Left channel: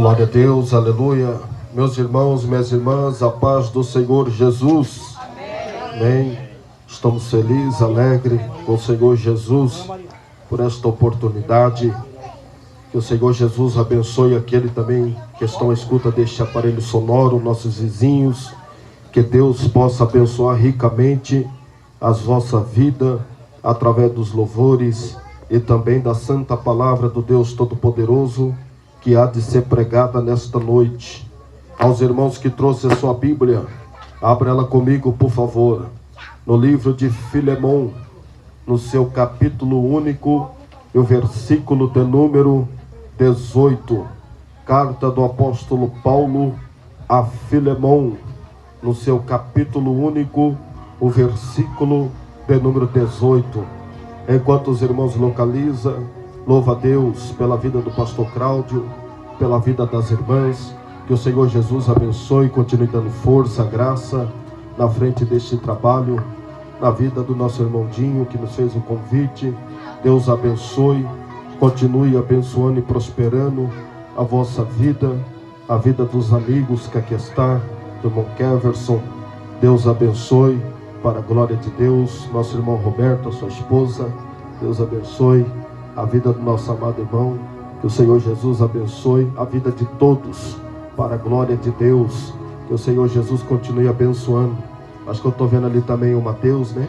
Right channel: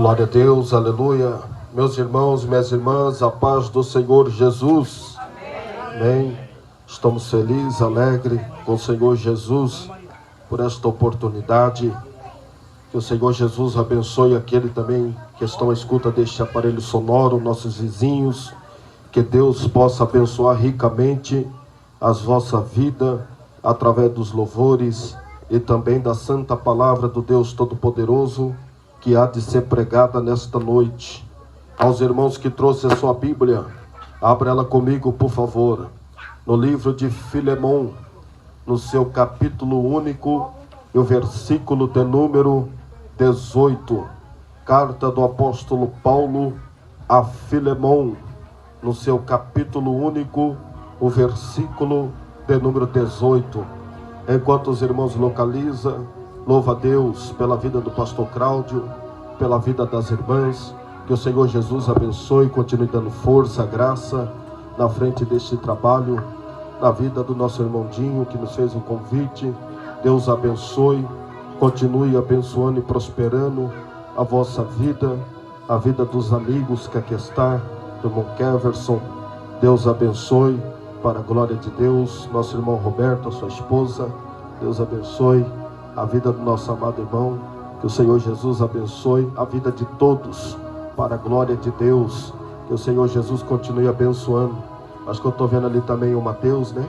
Glória a Deus, aleluia. Meus irmãos, minhas irmãs, a paz do Senhor Jesus. Amém. Estamos felizes, alegres com o Senhor Jesus por esta oportunidade. Que o Senhor Jesus abençoe aquele também que estão à escuta deste aparelho sonoro, nossos vizinhos. Que Deus possa abençoar ricamente a vossa vida através dos louvores e também da santa palavra do Deus Todo-Poderoso que há de ser pregada nesta noite. Aos irmãos que trouxeram a sua Bíblia, abra ela comigo, por favor, no livro de Filemão, no seu capítulo único, e o versículo de número 18. Carta do apóstolo Paulo a Filemão, no seu capítulo único, o versículo de número 18. Enquanto os irmãos localizam, louva a Deus pela vida do pastor Cláudio, pela vida das irmãs. Que o Senhor Jesus abençoe e continue dando força, graça na frente deste trabalho, na vida do nosso irmão Dinho, que nos fez o convite. Deus abençoe, continue abençoando e prosperando a vossa vida, a vida dos amigos que aqui está, do irmão Keverson. Deus abençoe, para a glória de Deus. Nosso irmão Roberto, a sua esposa, Deus abençoe a vida do nosso amado irmão. Que o Senhor Jesus abençoe a vida de todos, para a glória de Deus. Que o Senhor Jesus continue abençoando. Acho que eu estou vendo ali também o Mateus, né?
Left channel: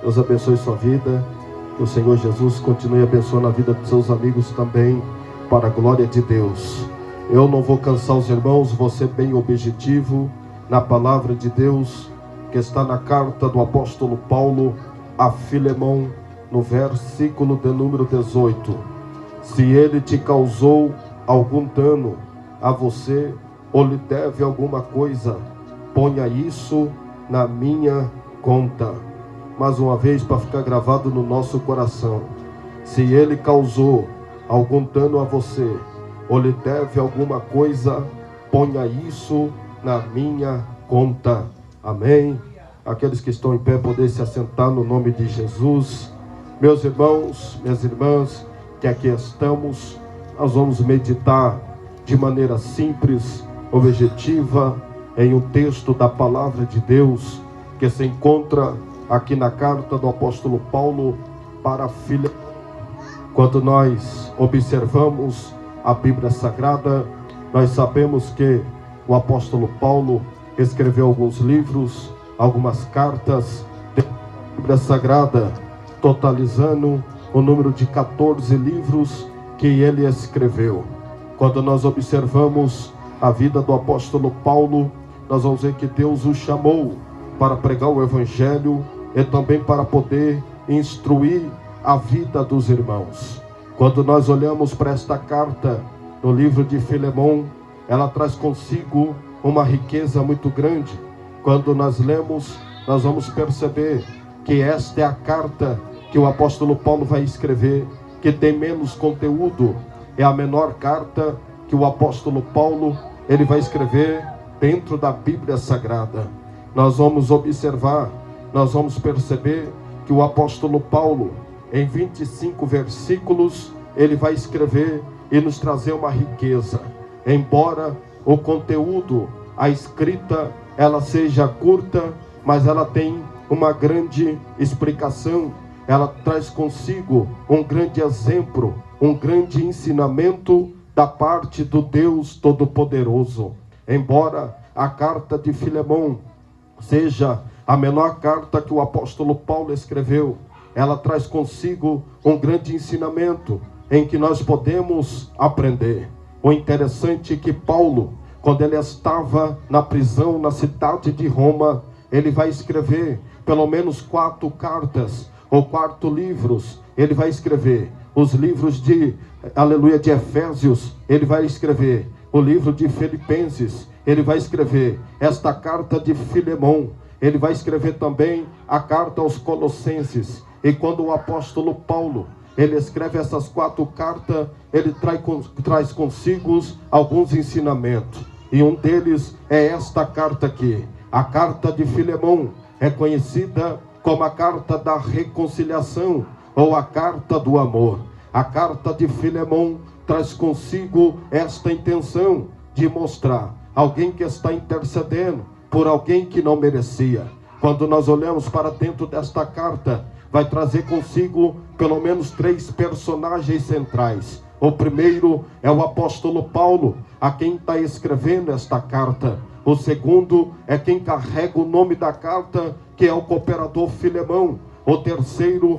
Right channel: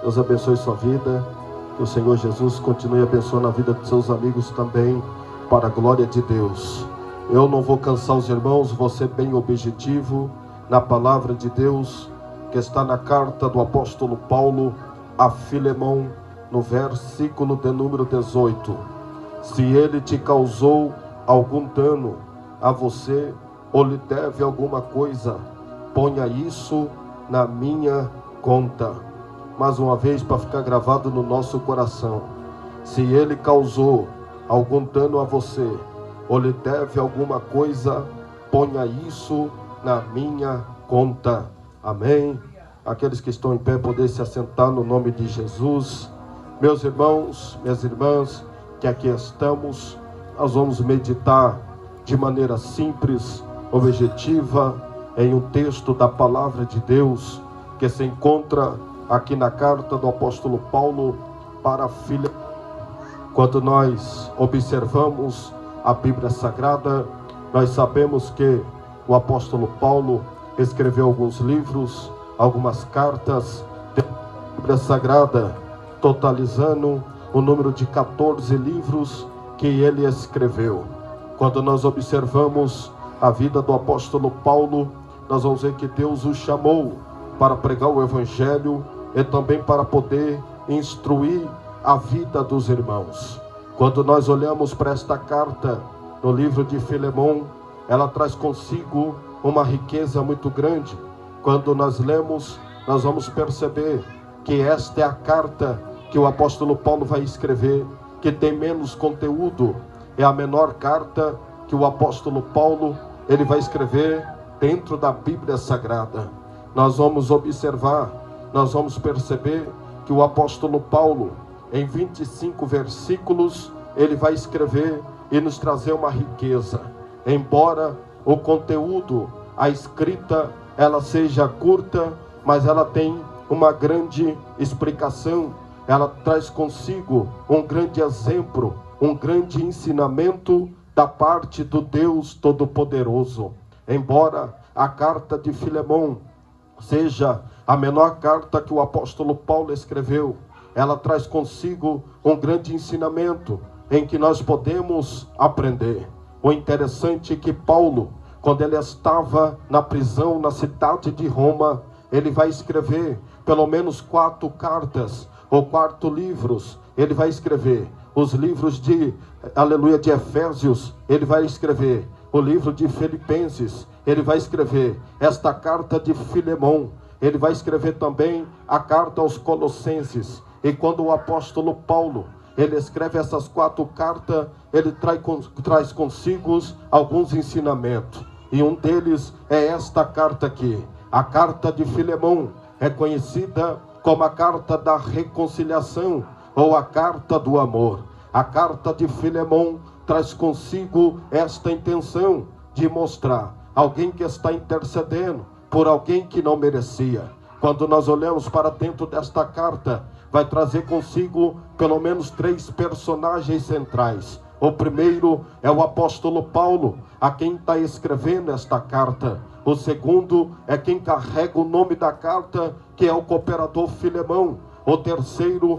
Deus abençoe sua vida. Que o Senhor Jesus continue abençoando a vida dos seus amigos também, para a glória de Deus. Eu não vou cansar os irmãos, vou ser bem objetivo na palavra de Deus, que está na carta do apóstolo Paulo a Filemão, no versículo de número 18. Se ele te causou algum dano a você, ou lhe deve alguma coisa, ponha isso na minha conta. Mais uma vez, para ficar gravado no nosso coração. Se ele causou algum dano a você, ou lhe deve alguma coisa, ponha isso na minha conta. Amém. Aqueles que estão em pé, poder se assentar no nome de Jesus. Meus irmãos, minhas irmãs, que aqui estamos, nós vamos meditar de maneira simples, objetiva, em um texto da palavra de Deus, que se encontra aqui na carta do apóstolo Paulo para Filemão. Quando nós observamos a Bíblia Sagrada, nós sabemos que o apóstolo Paulo escreveu alguns livros, algumas cartas da Bíblia Sagrada, totalizando o número de 14 livros que ele escreveu. Quando nós observamos a vida do apóstolo Paulo, nós vamos ver que Deus o chamou para pregar o Evangelho e também para poder instruir a vida dos irmãos. Quando nós olhamos para esta carta no livro de Filemão, ela traz consigo uma riqueza muito grande. Quando nós lemos, nós vamos perceber que esta é a carta que o apóstolo Paulo vai escrever, que tem menos conteúdo. É a menor carta que o apóstolo Paulo ele vai escrever dentro da Bíblia Sagrada. Nós vamos observar, nós vamos perceber que o apóstolo Paulo, em 25 versículos, ele vai escrever e nos trazer uma riqueza. Embora o conteúdo, a escrita, ela seja curta, mas ela tem uma grande explicação. Ela traz consigo um grande exemplo, um grande ensinamento da parte do Deus Todo-Poderoso. Embora a carta de Filemão seja a menor carta que o apóstolo Paulo escreveu, ela traz consigo um grande ensinamento em que nós podemos aprender. O interessante é que Paulo, quando ele estava na prisão na cidade de Roma, ele vai escrever pelo menos 4 cartas ou 4 livros. Ele vai escrever os livros de Efésios, ele vai escrever o livro de Filipenses, ele vai escrever esta carta de Filemão, ele vai escrever também a carta aos Colossenses. E quando o apóstolo Paulo ele escreve essas 4 cartas, ele traz consigo alguns ensinamentos. E um deles é esta carta aqui. A carta de Filemão é conhecida como a carta da reconciliação ou a carta do amor. A carta de Filemão traz consigo esta intenção de mostrar alguém que está intercedendo por alguém que não merecia. Quando nós olhamos para dentro desta carta, vai trazer consigo pelo menos 3 personagens centrais. O primeiro é o apóstolo Paulo, a quem está escrevendo esta carta. O segundo é quem carrega o nome da carta, que é o cooperador Filemão. O terceiro,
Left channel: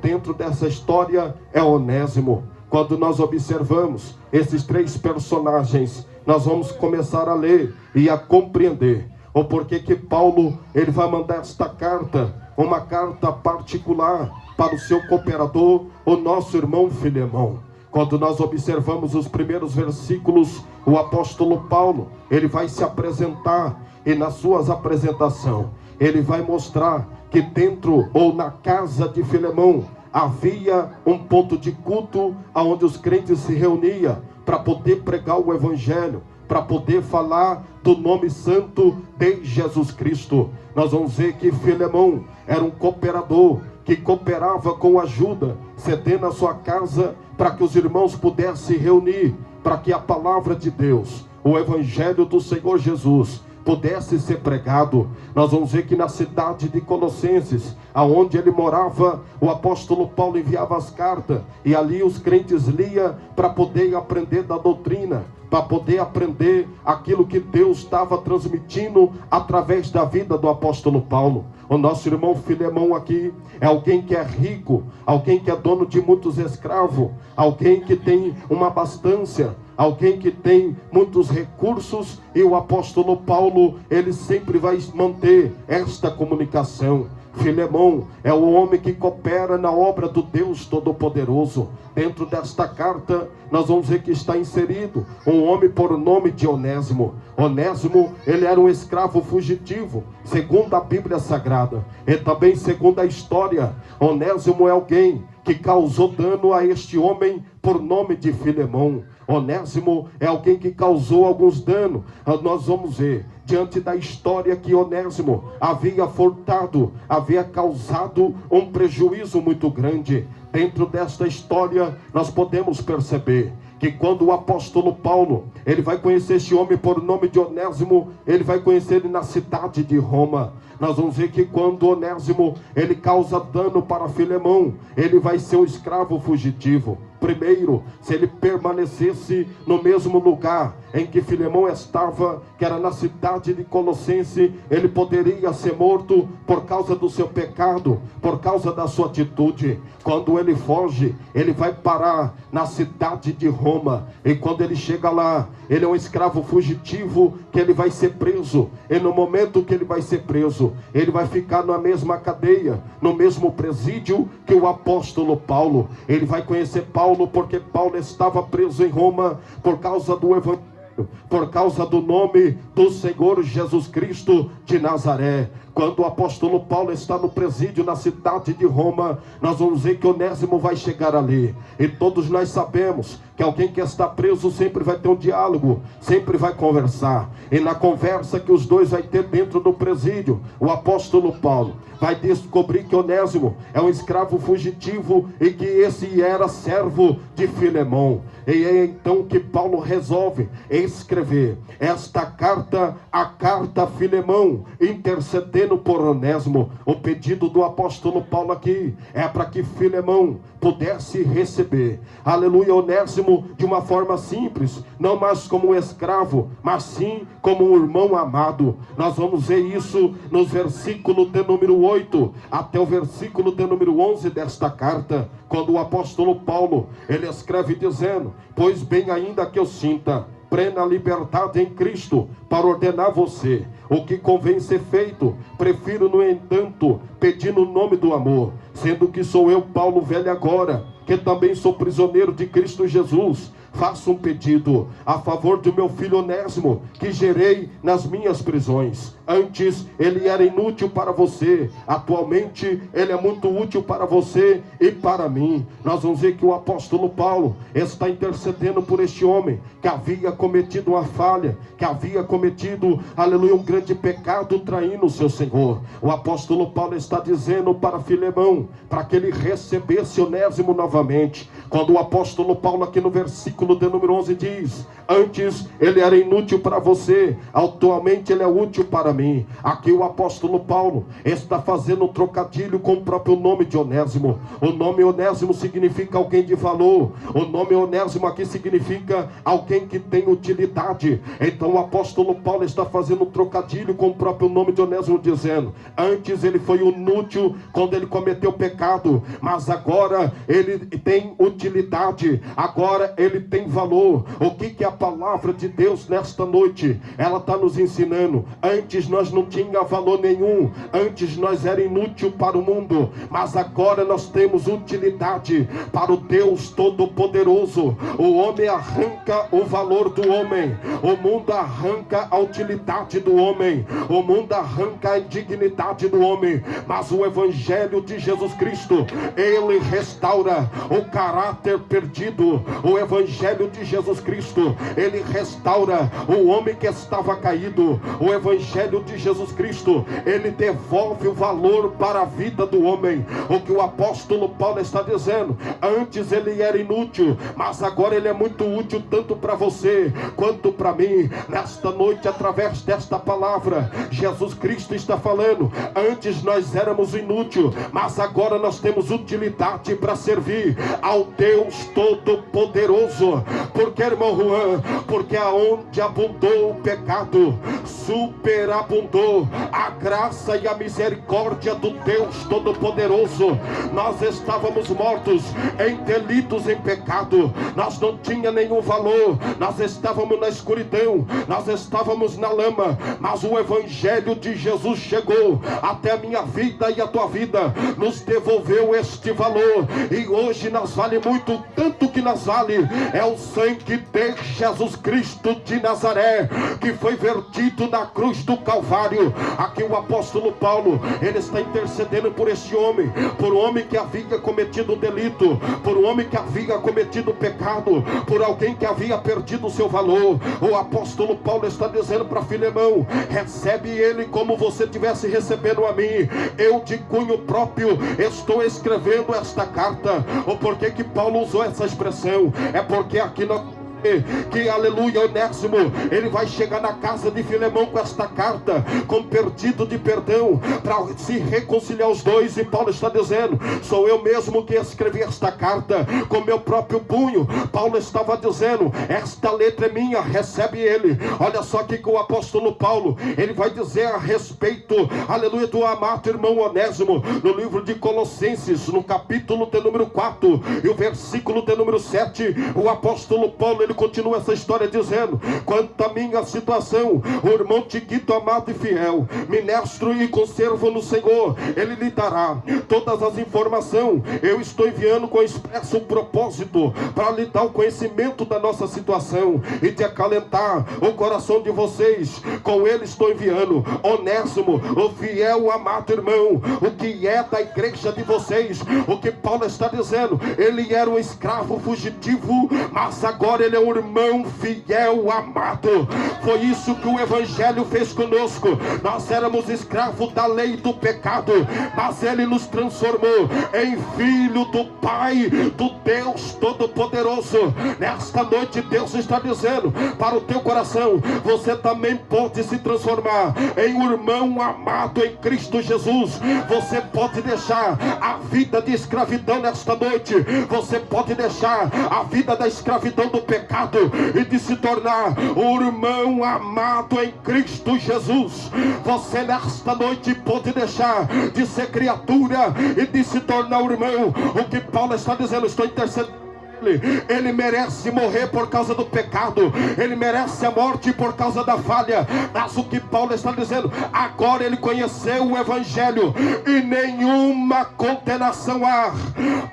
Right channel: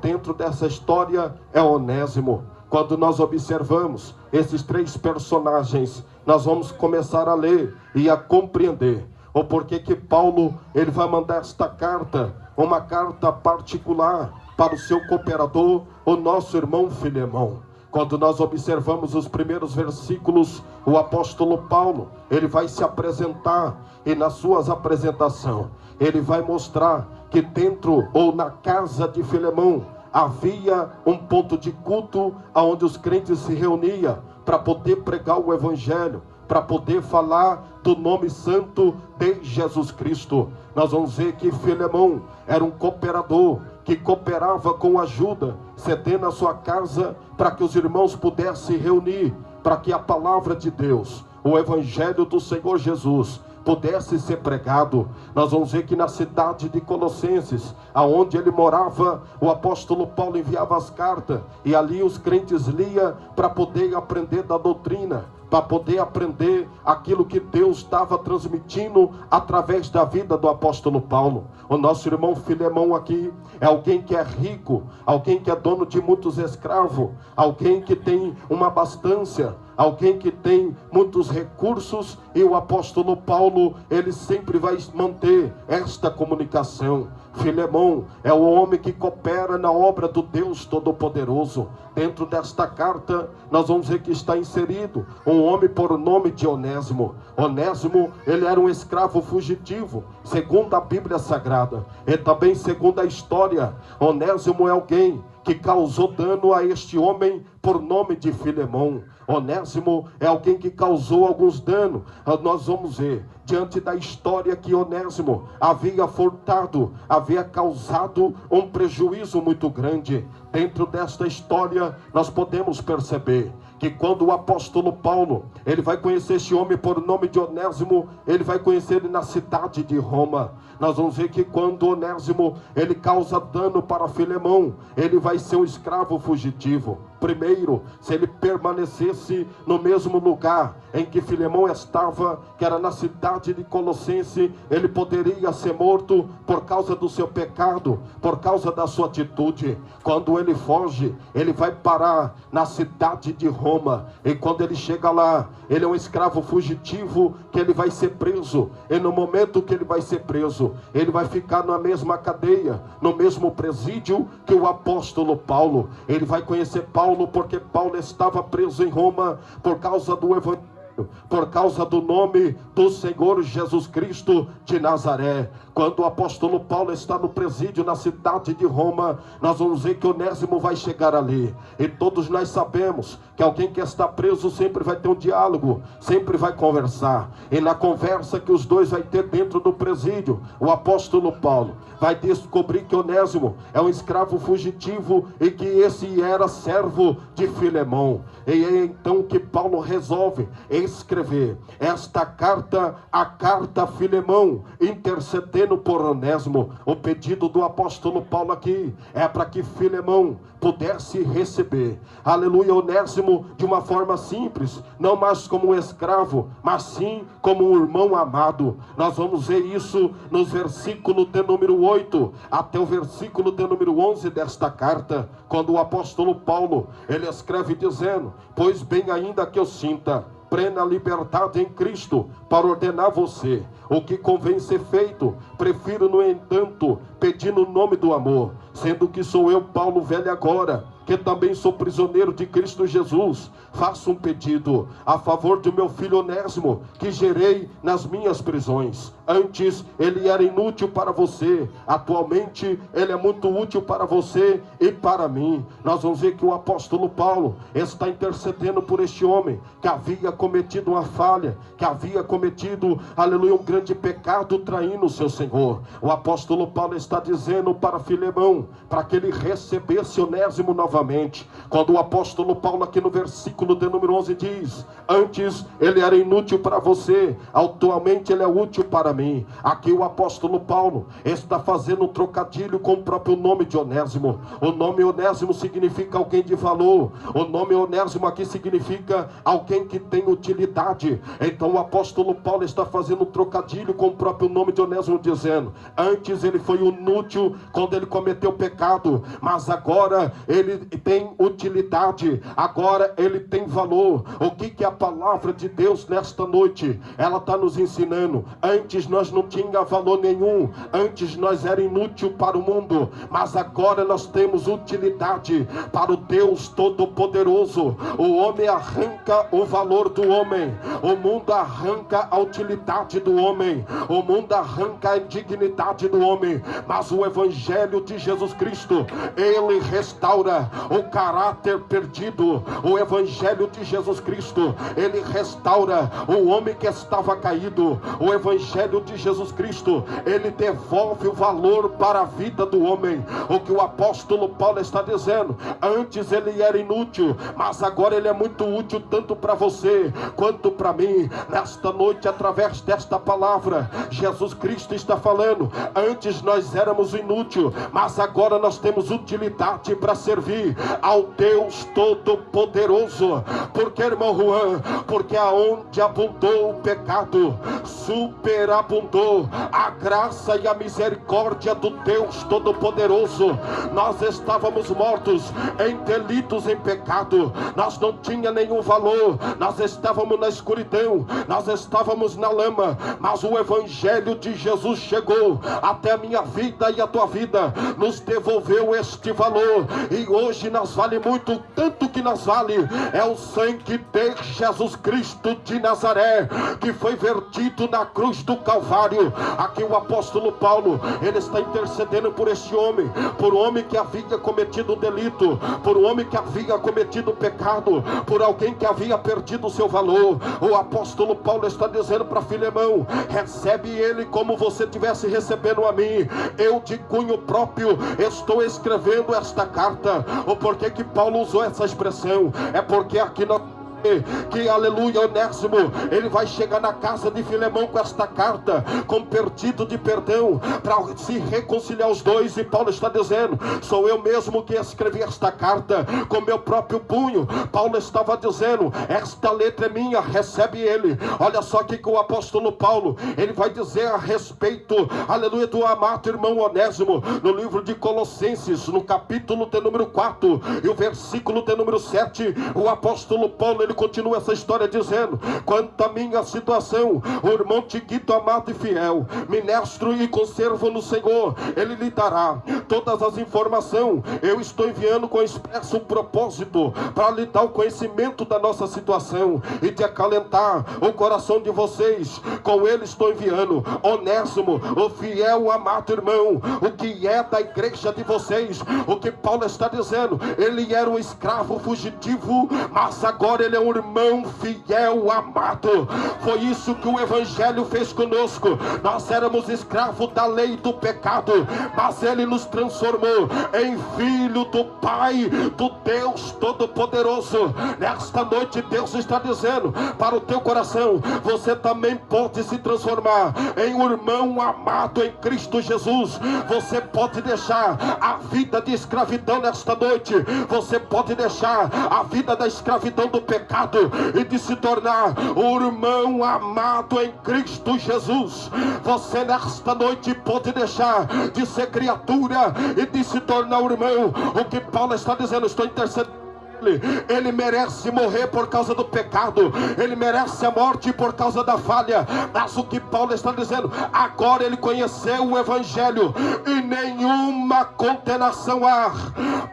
dentro dessa história, é Onésimo. Quando nós observamos esses 3 personagens, nós vamos começar a ler e a compreender o porquê que Paulo ele vai mandar esta carta, uma carta particular para o seu cooperador, o nosso irmão Filemão. Quando nós observamos os primeiros versículos, o apóstolo Paulo, ele vai se apresentar, e na sua apresentação, ele vai mostrar que dentro ou na casa de Filemão havia um ponto de culto onde os crentes se reuniam para poder pregar o evangelho, para poder falar do nome santo de Jesus Cristo. Nós vamos ver que Filemão era um cooperador, que cooperava com ajuda, cedendo a sua casa para que os irmãos pudessem se reunir, para que a palavra de Deus, o evangelho do Senhor Jesus, pudesse ser pregado. Nós vamos ver que na cidade de Colossenses, aonde ele morava, o apóstolo Paulo enviava as cartas, e ali os crentes liam para poder aprender da doutrina, para poder aprender aquilo que Deus estava transmitindo através da vida do apóstolo Paulo. O nosso irmão Filemão aqui é alguém que é rico, alguém que é dono de muitos escravos, alguém que tem uma abastância, alguém que tem muitos recursos, e o apóstolo Paulo, ele sempre vai manter esta comunicação. Filemão é o homem que coopera na obra do Deus Todo-Poderoso. Dentro desta carta, nós vamos ver que está inserido um homem por nome de Onésimo. Onésimo, ele era um escravo fugitivo, segundo a Bíblia Sagrada, e também segundo a história. Onésimo é alguém que causou dano a este homem por nome de Filemão. Onésimo é alguém que causou alguns danos. Nós vamos ver, diante da história, que Onésimo havia furtado, havia causado um prejuízo muito grande. Dentro desta história, nós podemos perceber que quando o apóstolo Paulo, ele vai conhecer este homem por nome de Onésimo, ele vai conhecer ele na cidade de Roma. Nós vamos ver que quando Onésimo, ele causa dano para Filemão, ele vai ser um escravo fugitivo. Primeiro, se ele permanecesse no mesmo lugar em que Filemão estava, que era na cidade de Colossenses, ele poderia ser morto por causa do seu pecado, por causa da sua atitude. Quando ele foge, ele vai parar na cidade de Roma, e quando ele chega lá, ele é um escravo fugitivo, que ele vai ser preso, e no momento que ele vai ser preso, ele vai ficar na mesma cadeia, no mesmo presídio que o apóstolo Paulo. Ele vai conhecer Paulo, porque Paulo estava preso em Roma por causa do evangelho, por causa do nome do Senhor Jesus Cristo de Nazaré. Quando o apóstolo Paulo está no presídio na cidade de Roma, nós vamos ver que Onésimo vai chegar ali. E todos nós sabemos que alguém que está preso sempre vai ter um diálogo, sempre vai conversar. E na conversa que os dois vai ter dentro do presídio, o apóstolo Paulo vai descobrir que Onésimo é um escravo fugitivo e que esse era servo de Filemão. E é então que Paulo resolve escrever esta carta, a carta a Filemão, intercedendo por Onésimo. O pedido do apóstolo Paulo aqui é para que Filemão pudesse receber, aleluia, Onésimo de uma forma simples, não mais como um escravo, mas sim como um irmão amado. Nós vamos ver isso nos versículos de número 8 até o versículo de número 11 desta carta, quando o apóstolo Paulo, ele escreve dizendo: pois bem, ainda que eu sinta plena liberdade em Cristo para ordenar você o que convém ser feito, prefiro, no entanto, pedir no nome do amor, sendo que sou eu, Paulo, velho agora, que também sou prisioneiro de Cristo Jesus, faço um pedido a favor do meu filho Onésimo, que gerei nas minhas prisões. Antes ele era inútil para você, atualmente ele é muito útil para você e para mim. Nós vamos ver que o apóstolo Paulo está intercedendo por este homem que havia cometido uma falha, que havia cometido, aleluia, um grande pecado traindo o seu Senhor. O apóstolo Paulo está dizendo para Filemão, para que ele recebesse Onésimo novamente. Quando o apóstolo Paulo aqui no versículo de número 11 diz: antes ele era inútil para você, atualmente ele é útil para mim. Aqui o apóstolo Paulo está fazendo um trocadilho com o próprio nome de Onésimo. O nome Onésimo significa alguém de valor. O nome Onésimo aqui significa alguém que tem utilidade. Então o apóstolo Paulo está fazendo um trocadilho com o próprio nome de Onésimo, dizendo: antes ele foi inútil quando ele cometeu pecado, mas agora ele tem utilidade, agora ele tem valor. O que a palavra de Deus nesta noite, ela está nos ensinando? Antes nós não tinha valor nenhum, antes nós era inútil para o mundo, mas agora nós temos utilidade para o Deus Todo-Poderoso. O homem arranca o valor do homem, o mundo arranca a utilidade do homem, o mundo arranca a indignidade do homem, mas o Evangelho de Jesus Cristo, ele restaura o caráter perdido. O Evangelho de Jesus Cristo, ele restaura o homem que estava caído. O Evangelho de Jesus Cristo, ele devolve o valor para a vida do homem. O que o apóstolo Paulo está dizendo: antes ele era inútil, mas agora ele é muito útil tanto para você quanto para mim. Nesta noite, através desta palavra, Jesus Cristo está falando: antes nós éramos inúteis, mas agora nós temos utilidade para servir ao Deus Todo-Poderoso. Porque, irmão Juan, porque aonde abundou o pecado, superabundou a graça e a misericórdia do Deus Todo-Poderoso. Nós estávamos mortos em delitos, em pecado, nós não tinha nenhum valor, nós estávamos na escuridão, nós estávamos na lama, mas o Evangelho de Jesus chegou até a minha vida e a tua vida, nos devolveu este valor, e hoje nós vale muito, tanto que nós vale é o sangue de Jesus Cristo de Nazaré, que foi vertido na cruz do Calvário. Aqui o apóstolo Paulo, ele está intercedendo por este homem, por um homem que havia cometido delito, por um homem que havia cometido pecado, por alguém que havia perdido o seu valor. O apóstolo Paulo está dizendo para Filemão: recebe ele como você estivesse recebendo a mim. Eu de cunho próprio estou escrevendo esta carta. O porquê que Paulo usou essa expressão? É porque aqui que, aleluia, Onésimo, ele vai chegar na casa de Filemão com esta carta, com pedido de perdão, para se reconciliar os dois. E Paulo está dizendo: sou eu mesmo que escrevi esta carta com meu próprio punho. Paulo estava dizendo: esta letra é minha, recebe ele. Olha só que o apóstolo Paulo, ele vai dizer a respeito, aleluia, do amado irmão Onésimo, no livro de Colossenses, no capítulo de número 4 e o versículo de número 7, o apóstolo Paulo, ele continua essa história dizendo: quanto à minha situação, o irmão Tiquito, amado e fiel, ministro e conservo no Senhor, ele lhe dará todas as informações. Eu estou enviando com expresso propósito para lhe dar o conhecimento da nossa situação e de acalentar o coração de vocês. Com ele estou enviando Onésimo, o fiel, amado irmão, o que é da igreja de vocês. O que Paulo está dizendo: ele era um escravo fugitivo, mas agora ele é um irmão fiel, amado. Foi isso que o Evangelho fez conosco. Nós éramos escravos da lei do pecado, mas ele nos transformou em filho do Pai, do Deus Todo-Poderoso. Nesta noite Deus está dizendo para o teu coração: você também pode se transformar em um irmão amado em Cristo Jesus. Você pode deixar a vida de escravidão nesta noite, você pode deixar a vida da escravidão do pecado e de se tornar um irmão amado em Cristo Jesus. Você nesta noite pode deixar de ser criatura e de se tornar um irmão. O que Paulo está dizendo: estou intercedendo Ele merece morrer por causa do pecado, ele merece a morte por causa da falha. Mas o que Paulo está dizendo, agora ele conheceu o Evangelho, e nenhuma condenação há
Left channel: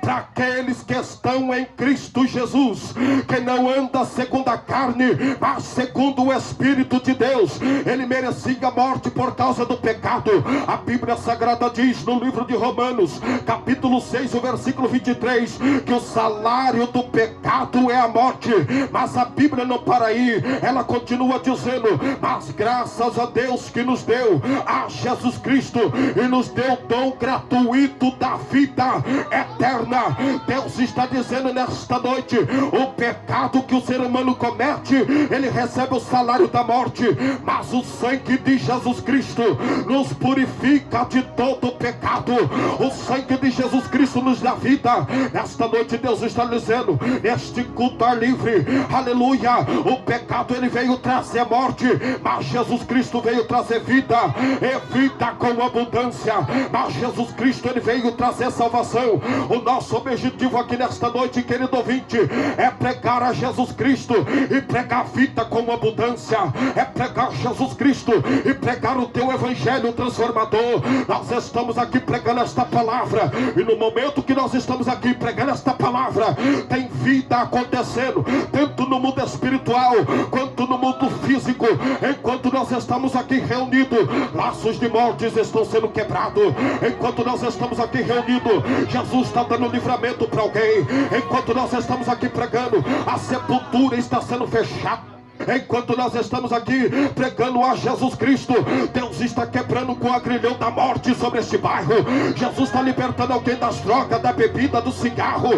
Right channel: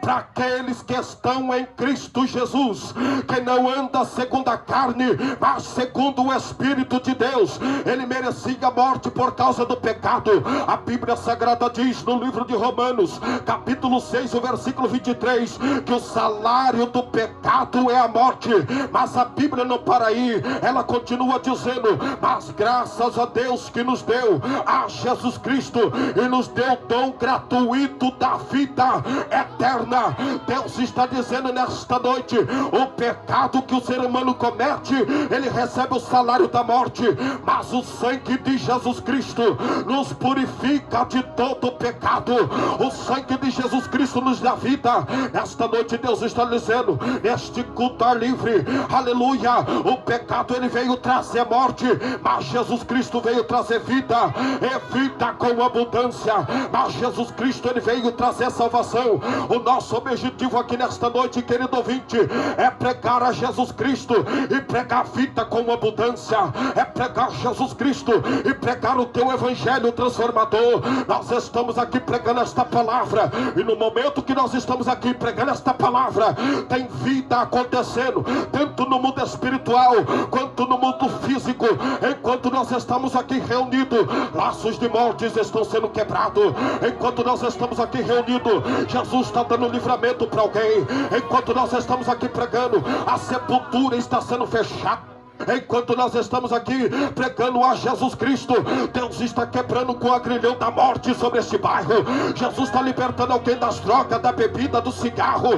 para aqueles que estão em Cristo Jesus, que não anda segundo a carne, mas segundo o Espírito de Deus. Ele merecia a morte por causa do pecado. A Bíblia Sagrada diz no livro de Romanos, capítulo 6, o versículo 23, que o salário do pecado é a morte. Mas a Bíblia não para aí, ela continua dizendo, mas graças a Deus que nos deu a Jesus Cristo e nos deu o dom gratuito da vida eterna. Deus está dizendo nesta noite, o pecado que o ser humano comete, ele recebe o salário da morte, mas o sangue de Jesus Cristo nos purifica de todo o pecado. O sangue de Jesus Cristo nos dá vida. Nesta noite Deus está dizendo, neste culto ar livre, aleluia, o pecado ele veio trazer morte, mas Jesus Cristo veio trazer vida, e vida com abundância. Mas Jesus Cristo ele veio trazer salvação. O nosso objetivo aqui nesta noite, querido ouvinte, é pregar a Jesus Cristo e pregar vida com abundância, é pregar Jesus Cristo e pregar o teu evangelho transformador. Nós estamos aqui pregando esta palavra, e no momento que nós estamos aqui pregando esta palavra, tem vida acontecendo, tanto no mundo espiritual quanto no mundo físico. Enquanto nós estamos aqui reunidos, laços de mortes estão sendo quebrados. Enquanto nós estamos aqui reunidos, Jesus está dando livramento para alguém. Enquanto nós estamos aqui pregando, a sepultura está sendo fechada. Enquanto nós estamos aqui pregando a Jesus Cristo, Deus está quebrando com o agrilhão da morte sobre este bairro. Jesus está libertando alguém das drogas, da bebida, do cigarro.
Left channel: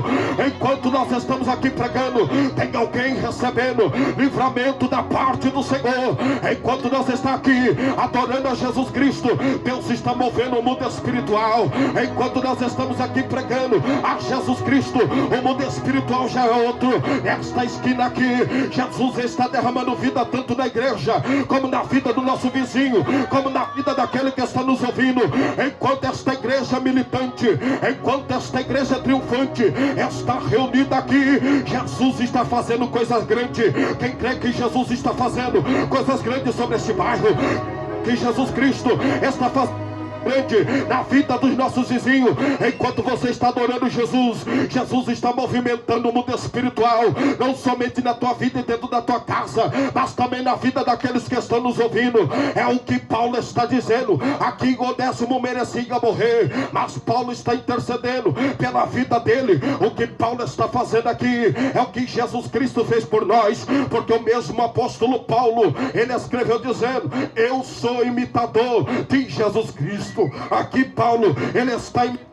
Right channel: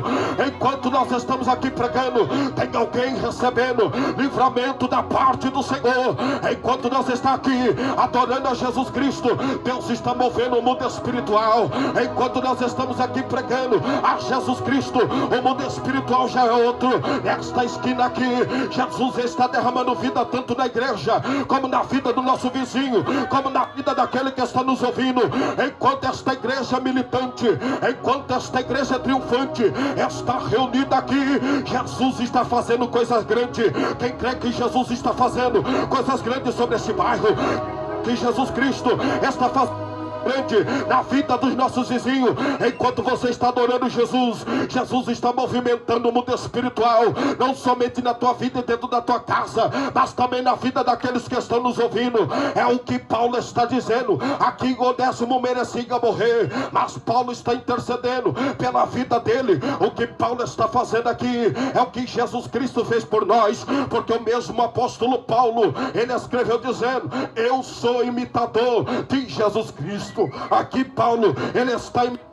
Enquanto nós estamos aqui pregando, tem alguém recebendo livramento da parte do Senhor. Enquanto nós estamos aqui adorando a Jesus Cristo, Deus está movendo o mundo espiritual. Enquanto nós estamos aqui pregando a Jesus Cristo, o mundo espiritual já é outro. Nesta esquina aqui, Jesus está derramando vida tanto na igreja, como na vida do nosso vizinho, como na vida daquele que está nos ouvindo. Enquanto esta igreja militante, enquanto esta igreja triunfante está reunida aqui, Jesus está fazendo coisas grandes. Quem crê que Jesus está fazendo coisas grandes sobre este bairro, que Jesus Cristo está fazendo na vida dos nossos vizinhos. Enquanto você está adorando Jesus, Jesus está movimentando o mundo espiritual, não somente na tua vida e dentro da tua casa, mas também na vida daqueles que estão nos ouvindo. É o que Paulo está dizendo aqui. Onésimo merecia morrer, mas Paulo está intercedendo pela vida dele. O que Paulo está fazendo aqui é o que Jesus Cristo fez por nós, porque o mesmo apóstolo Paulo, ele escreveu dizendo, eu sou imitador de Jesus Cristo. Aqui Paulo, ele está imitando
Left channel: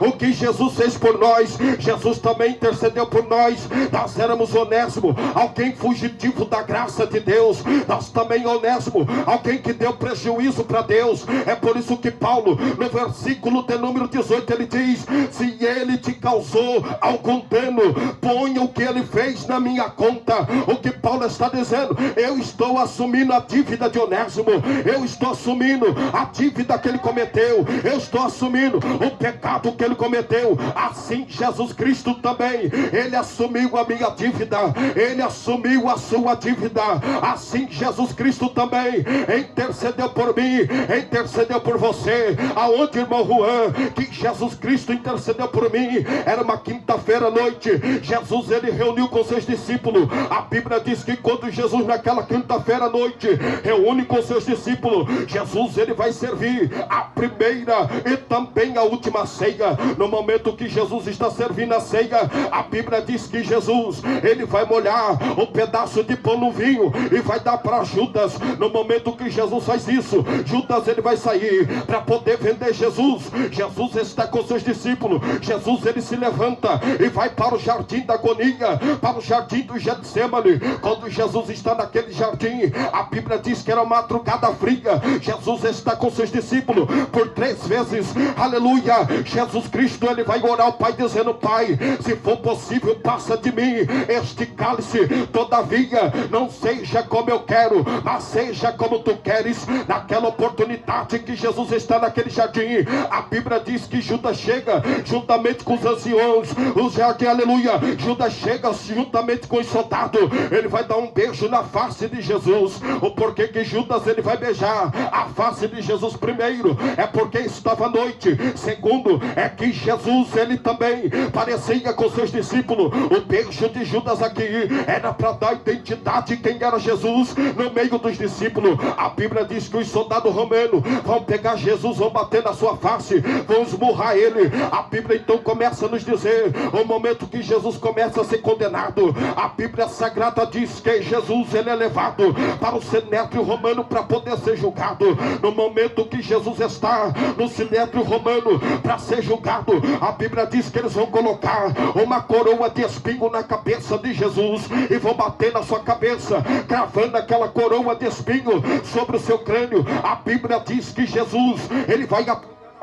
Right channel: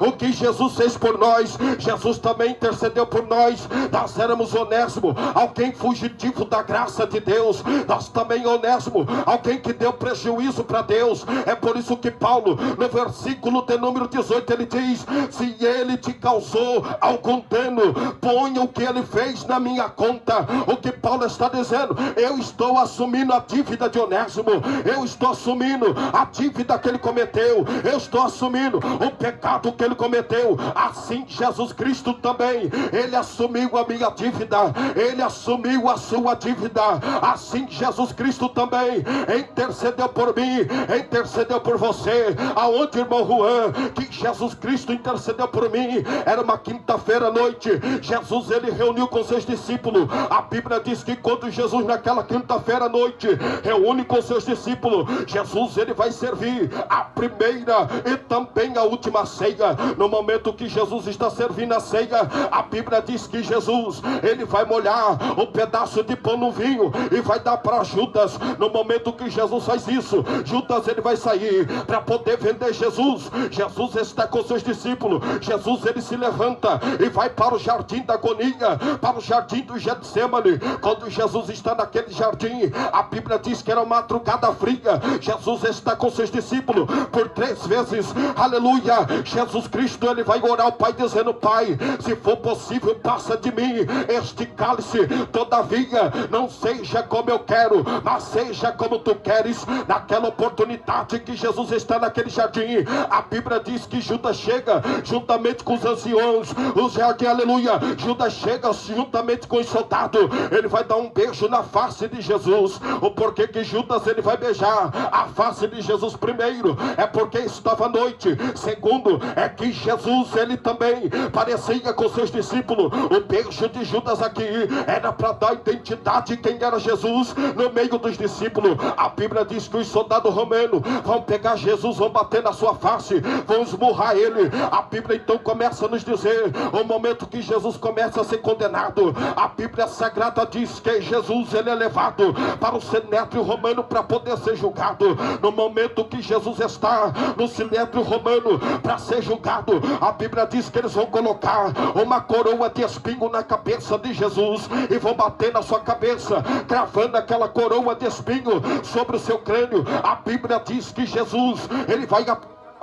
o que Jesus fez por nós. Jesus também intercedeu por nós. Nós éramos Onésimo, alguém fugitivo da graça de Deus. Nós também Onésimo, alguém que deu prejuízo para Deus. É por isso que Paulo, no versículo de número 18, ele diz, se ele te causou algum dano, ponha o que ele fez na minha conta. O que Paulo está dizendo, eu estou assumindo a dívida de Onésimo, eu estou assumindo a dívida que ele cometeu, eu estou assumindo o pecado que ele cometeu. Assim Jesus Cristo também, ele assumiu a minha dívida, ele assumiu a sua dívida. Assim Jesus Cristo também intercedeu por mim, intercedeu por você. Aonde, irmão Juan, que Jesus Cristo intercedeu por mim? Era uma quinta-feira à noite. Jesus, ele reuniu com seus discípulos. A Bíblia diz que quando Jesus naquela quinta-feira à noite reúne com seus discípulos, Jesus, ele vai servir a primeira e também a última ceia. No momento que Jesus está servindo a ceia, a Bíblia diz que Jesus, ele vai molhar um pedaço de pão no vinho e vai dar para Judas. No momento que Jesus faz isso, Judas, ele vai sair para poder vender Jesus. Jesus está com seus discípulos. Jesus, ele se levanta e vai para o jardim da agonia, para o jardim do Getsemane. Quando Jesus está naquele jardim, a Bíblia diz que era uma madrugada fria. Jesus está com seus discípulos por 3 vezes, aleluia. Jesus Jesus Cristo, ele vai orar ao Pai dizendo: Pai, se for possível, passa de mim este cálice, todavia não seja como eu quero, mas seja como tu queres. Naquela oportunidade que Jesus está naquele jardim, a Bíblia diz que Judas chega juntamente com os anciões, o jardim, aleluia. Judas chega juntamente com os soldados, ele vai dar um beijo na face de Jesus. O porquê que Judas ele vai beijar a face de Jesus? Primeiro, é porque estava à noite. Segundo, é que Jesus ele também parecia com seus discípulos. O beijo de Judas aqui era para dar identidade quem era Jesus no meio dos discípulos. A Bíblia diz que os soldados romanos vão pegar Jesus, vão bater na sua face, vão esmurrar ele. A Bíblia então começa a nos dizer o momento que Jesus começa a ser condenado. A Bíblia Sagrada diz que Jesus ele é levado para o sinédrio romano para poder ser julgado. No momento que Jesus está no sinédrio romano para ser julgado, a Bíblia diz que eles vão colocar uma coroa de espinho na cabeça de Jesus e vão bater na sua cabeça, cravando aquela coroa de espinho sobre o seu crânio. A Bíblia diz que Jesus ele vai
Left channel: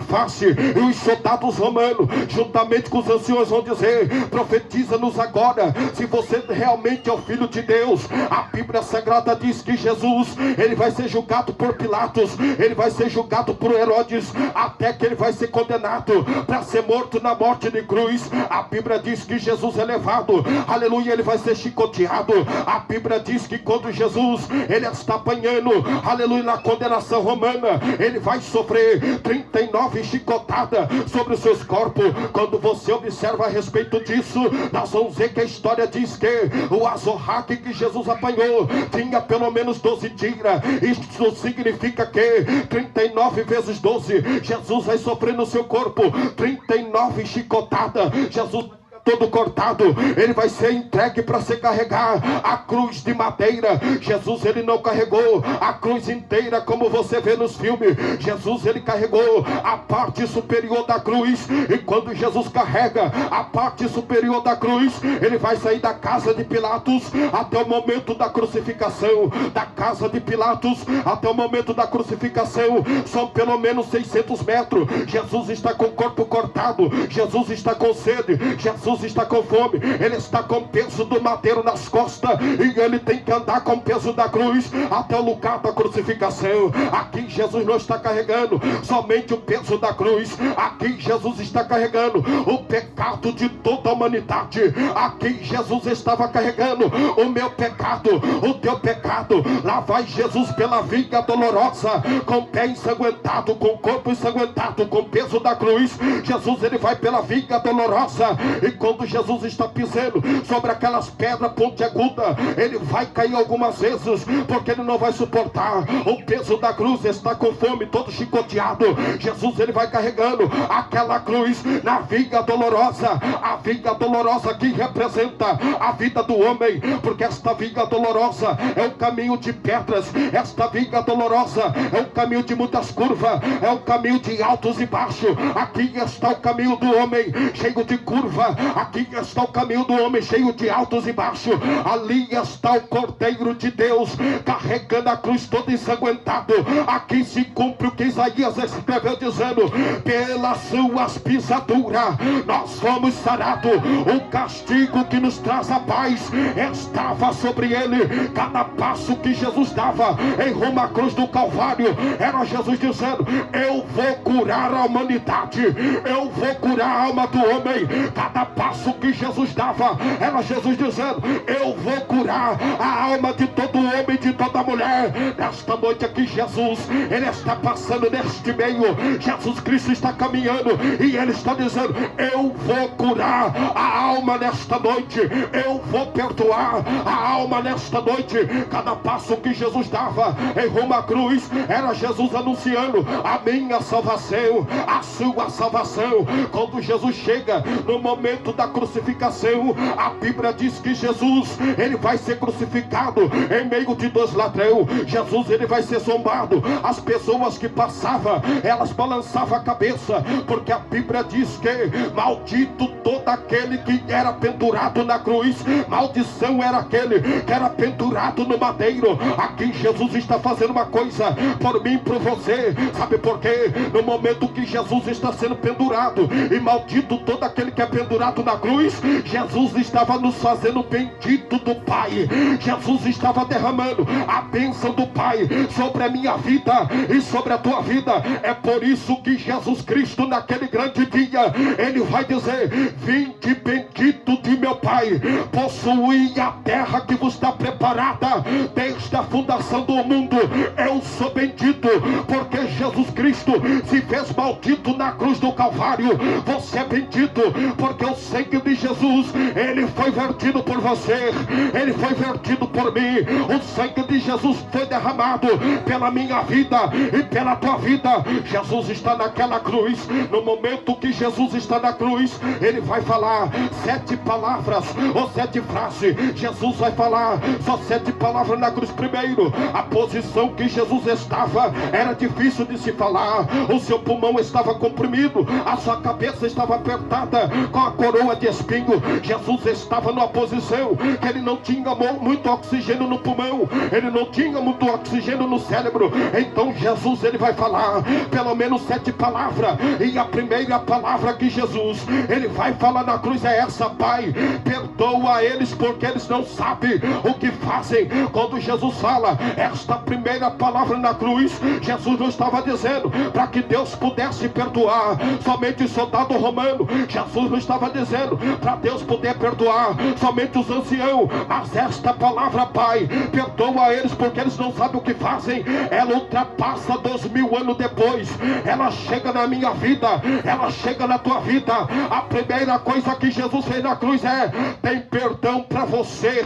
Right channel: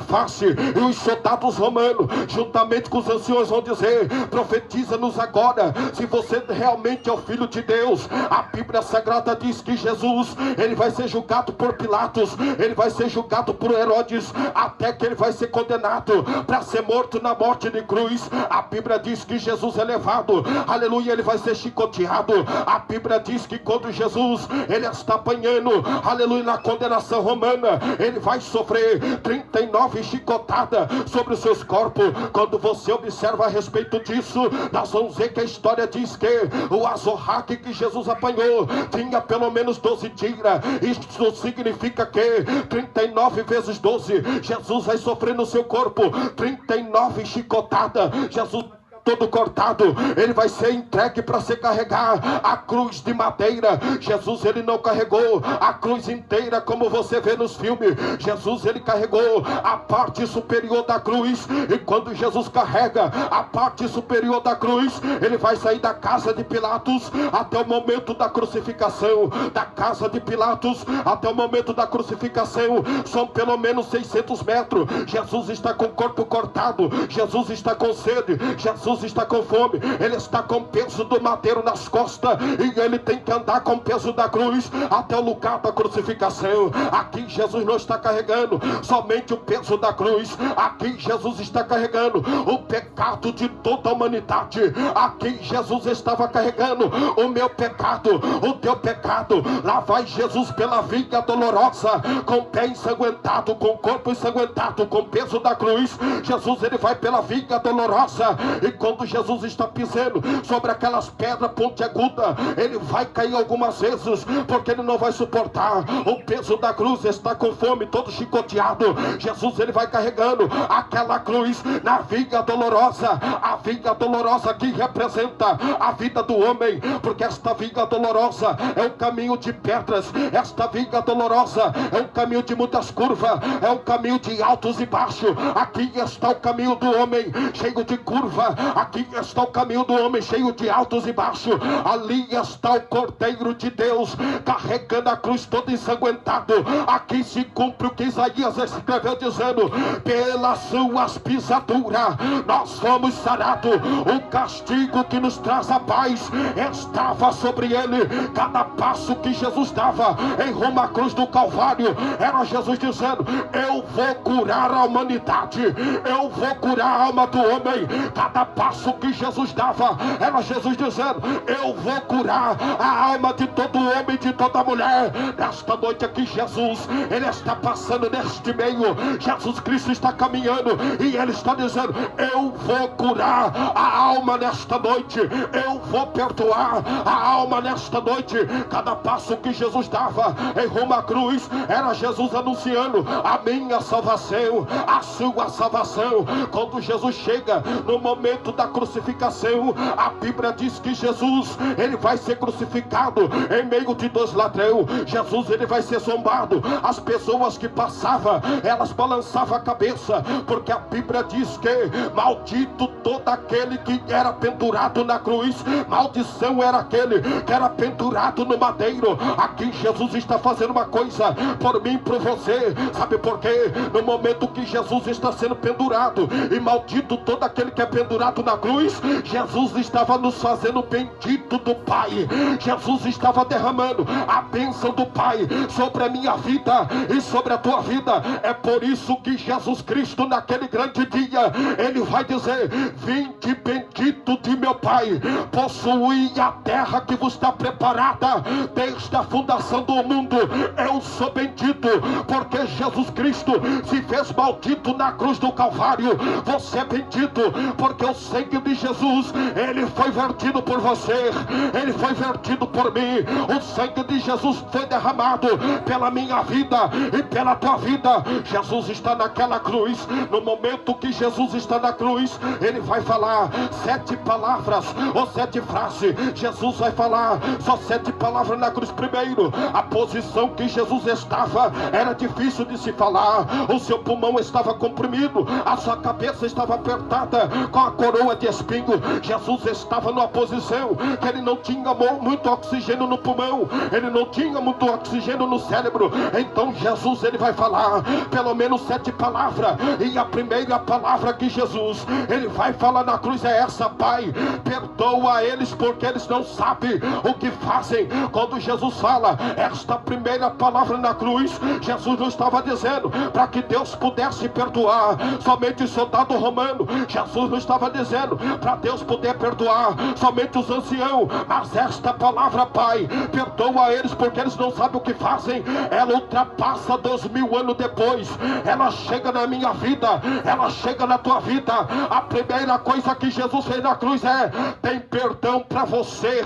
face, e os soldados romanos juntamente com os anciões vão dizer: profetiza-nos agora se você realmente é o Filho de Deus. A Bíblia Sagrada diz que Jesus ele vai ser julgado por Pilatos, ele vai ser julgado por Herodes, até que ele vai ser condenado para ser morto na morte de cruz. A Bíblia diz que Jesus é levado, aleluia, ele vai ser chicoteado. A Bíblia diz que quando Jesus ele está apanhando, aleluia, na condenação romana, ele vai sofrer 39 chicotada sobre os seus corpos. Quando você observa a respeito disso, nós vamos ver que a história diz que o azorraque que Jesus apanhou tinha pelo menos 12 tiras. Isso significa que 39 vezes 12, Jesus vai sofrer no seu corpo 39 chicotadas. Jesus todo cortado, ele vai ser entregue para se carregar a cruz de madeira. Jesus ele não carregou a cruz inteira como você vê nos filmes. Jesus ele carregou a parte superior da cruz, e quando Jesus carrega a parte superior da cruz, ele vai sair da casa de Pilatos até o momento da crucificação. Da casa de Pilatos até o momento da crucificação são pelo menos 600 metros. Jesus está com o corpo cortado, Jesus está com sede, Jesus está com fome, ele está com o peso do madeiro nas costas, e ele tem que andar com o peso da cruz até o lugar da crucificação. Aqui Jesus não está carregando somente o peso da cruz, aqui Jesus está carregando o pecado de toda a humanidade. Aqui Jesus estava carregando o meu pecado, o teu pecado. Lá vai Jesus pela viga dolorosa, com o pé ensanguentado, com o corpo ensanguentado, com o peso da cruz. Jesus ele vai pela viga dolorosa, e quando Jesus está pisando sobre aquelas pedras pontiagudas, ele vai cair algumas vezes, porque ele não vai suportar o peso da cruz. Está com fome, todo chicoteado. Jesus ele vai carregando aquela cruz na viga dolorosa, a viga dolorosa que representa a vida do homem, porque esta viga dolorosa é um caminho de pedras, esta viga dolorosa é um caminho de muitas curvas, é um caminho de altos e baixos. Aqui está o caminho do homem cheio de curva, aqui está o caminho do homem cheio de altos e baixos. Ali está o Cordeiro de Deus carregando a cruz todo ensanguentado. Aqui se cumpre o que Isaías escreveu dizendo: pelas suas pisaduras nós fomos sarados, o castigo que nos traz a paz estava sobre ele. Cada passo que Jesus dava em rumo à cruz do Calvário era Jesus dizendo: eu vou curar a humanidade, eu vou curar a alma do homem. Cada passo que Jesus dava era Jesus dizendo: eu vou curar a alma de todo homem, de toda mulher. Nesta noite aqui Jesus ele está passando neste meio, Jesus Cristo está caminhando e ele está dizendo: eu vou curar a alma nesta noite, eu vou perdoar a alma nesta noite. Cada passo que Jesus dava em rumo à cruz era Jesus anunciando a minha salvação, a sua salvação. Quando Jesus chega no momento da crucificação, a Bíblia diz que Jesus ele vai ser crucificado em meio de 2 dos ladrões. Jesus, ele vai ser zombado. As pessoas que passavam, elas balançavam a cabeça, porque a Bíblia diz que maldito todo aquele que era pendurado na cruz. Maldição era aquele que era pendurado no madeiro. Aqui Jesus está fazendo uma coisa por mim e por você. Sabe por quê? No momento que Jesus está sendo pendurado, e maldito todo aquele que é pendurado na cruz, Jesus estava nos fazendo bendito do Pai. Jesus estava derramando a bênção do Pai sobre a minha vida e sobre a tua vida. É por isso que Jesus Cristo, naquele grande dia, ele vai dizer: vinde bendito de meu Pai, possuí a terra que vos está preparada desde a fundação do mundo. Eu sou bendito porque Jesus Cristo se fez maldito na cruz do Calvário. Você é bendito porque o sangue de Jesus, ele foi vertido por você, ele foi vertido por mim. O sangue de Jesus foi derramado pela minha vida e pela tua vida. Jesus está naquela cruz. No momento que Jesus está na cruz, ele vai falar 7 palavras ou 7 frases. Jesus vai falar só 7 palavras na cruz. Primeiro, a posição que Jesus estava era difícil de se falar. O seu pulmão estava comprimido, a sua cabeça estava apertada com a coroa de espinho. Jesus estava numa posição que ele não tinha muito oxigênio no pulmão, ele não tinha muito oxigênio no cérebro. Então Jesus, ele vai falar pelo menos 7 palavras, e a primeira palavra que Jesus, ele vai falar na cruz é essa: Pai, perdoa eles porque eles não sabem o que fazem. Quando Jesus fala esta primeira palavra na cruz, Jesus não estava dizendo para que Deus pudesse perdoar somente o soldado romano. Jesus não estava dizendo para Deus poder perdoar somente os anciãos. Mas esta palavra, Pai, perdoa eles porque eles não sabem o que fazem, ela ultrapassa 2000 anos depois. Ela chega na minha vida, ela chega na tua vida. A primeira coisa que Jesus fez na cruz é: tem perdão para você,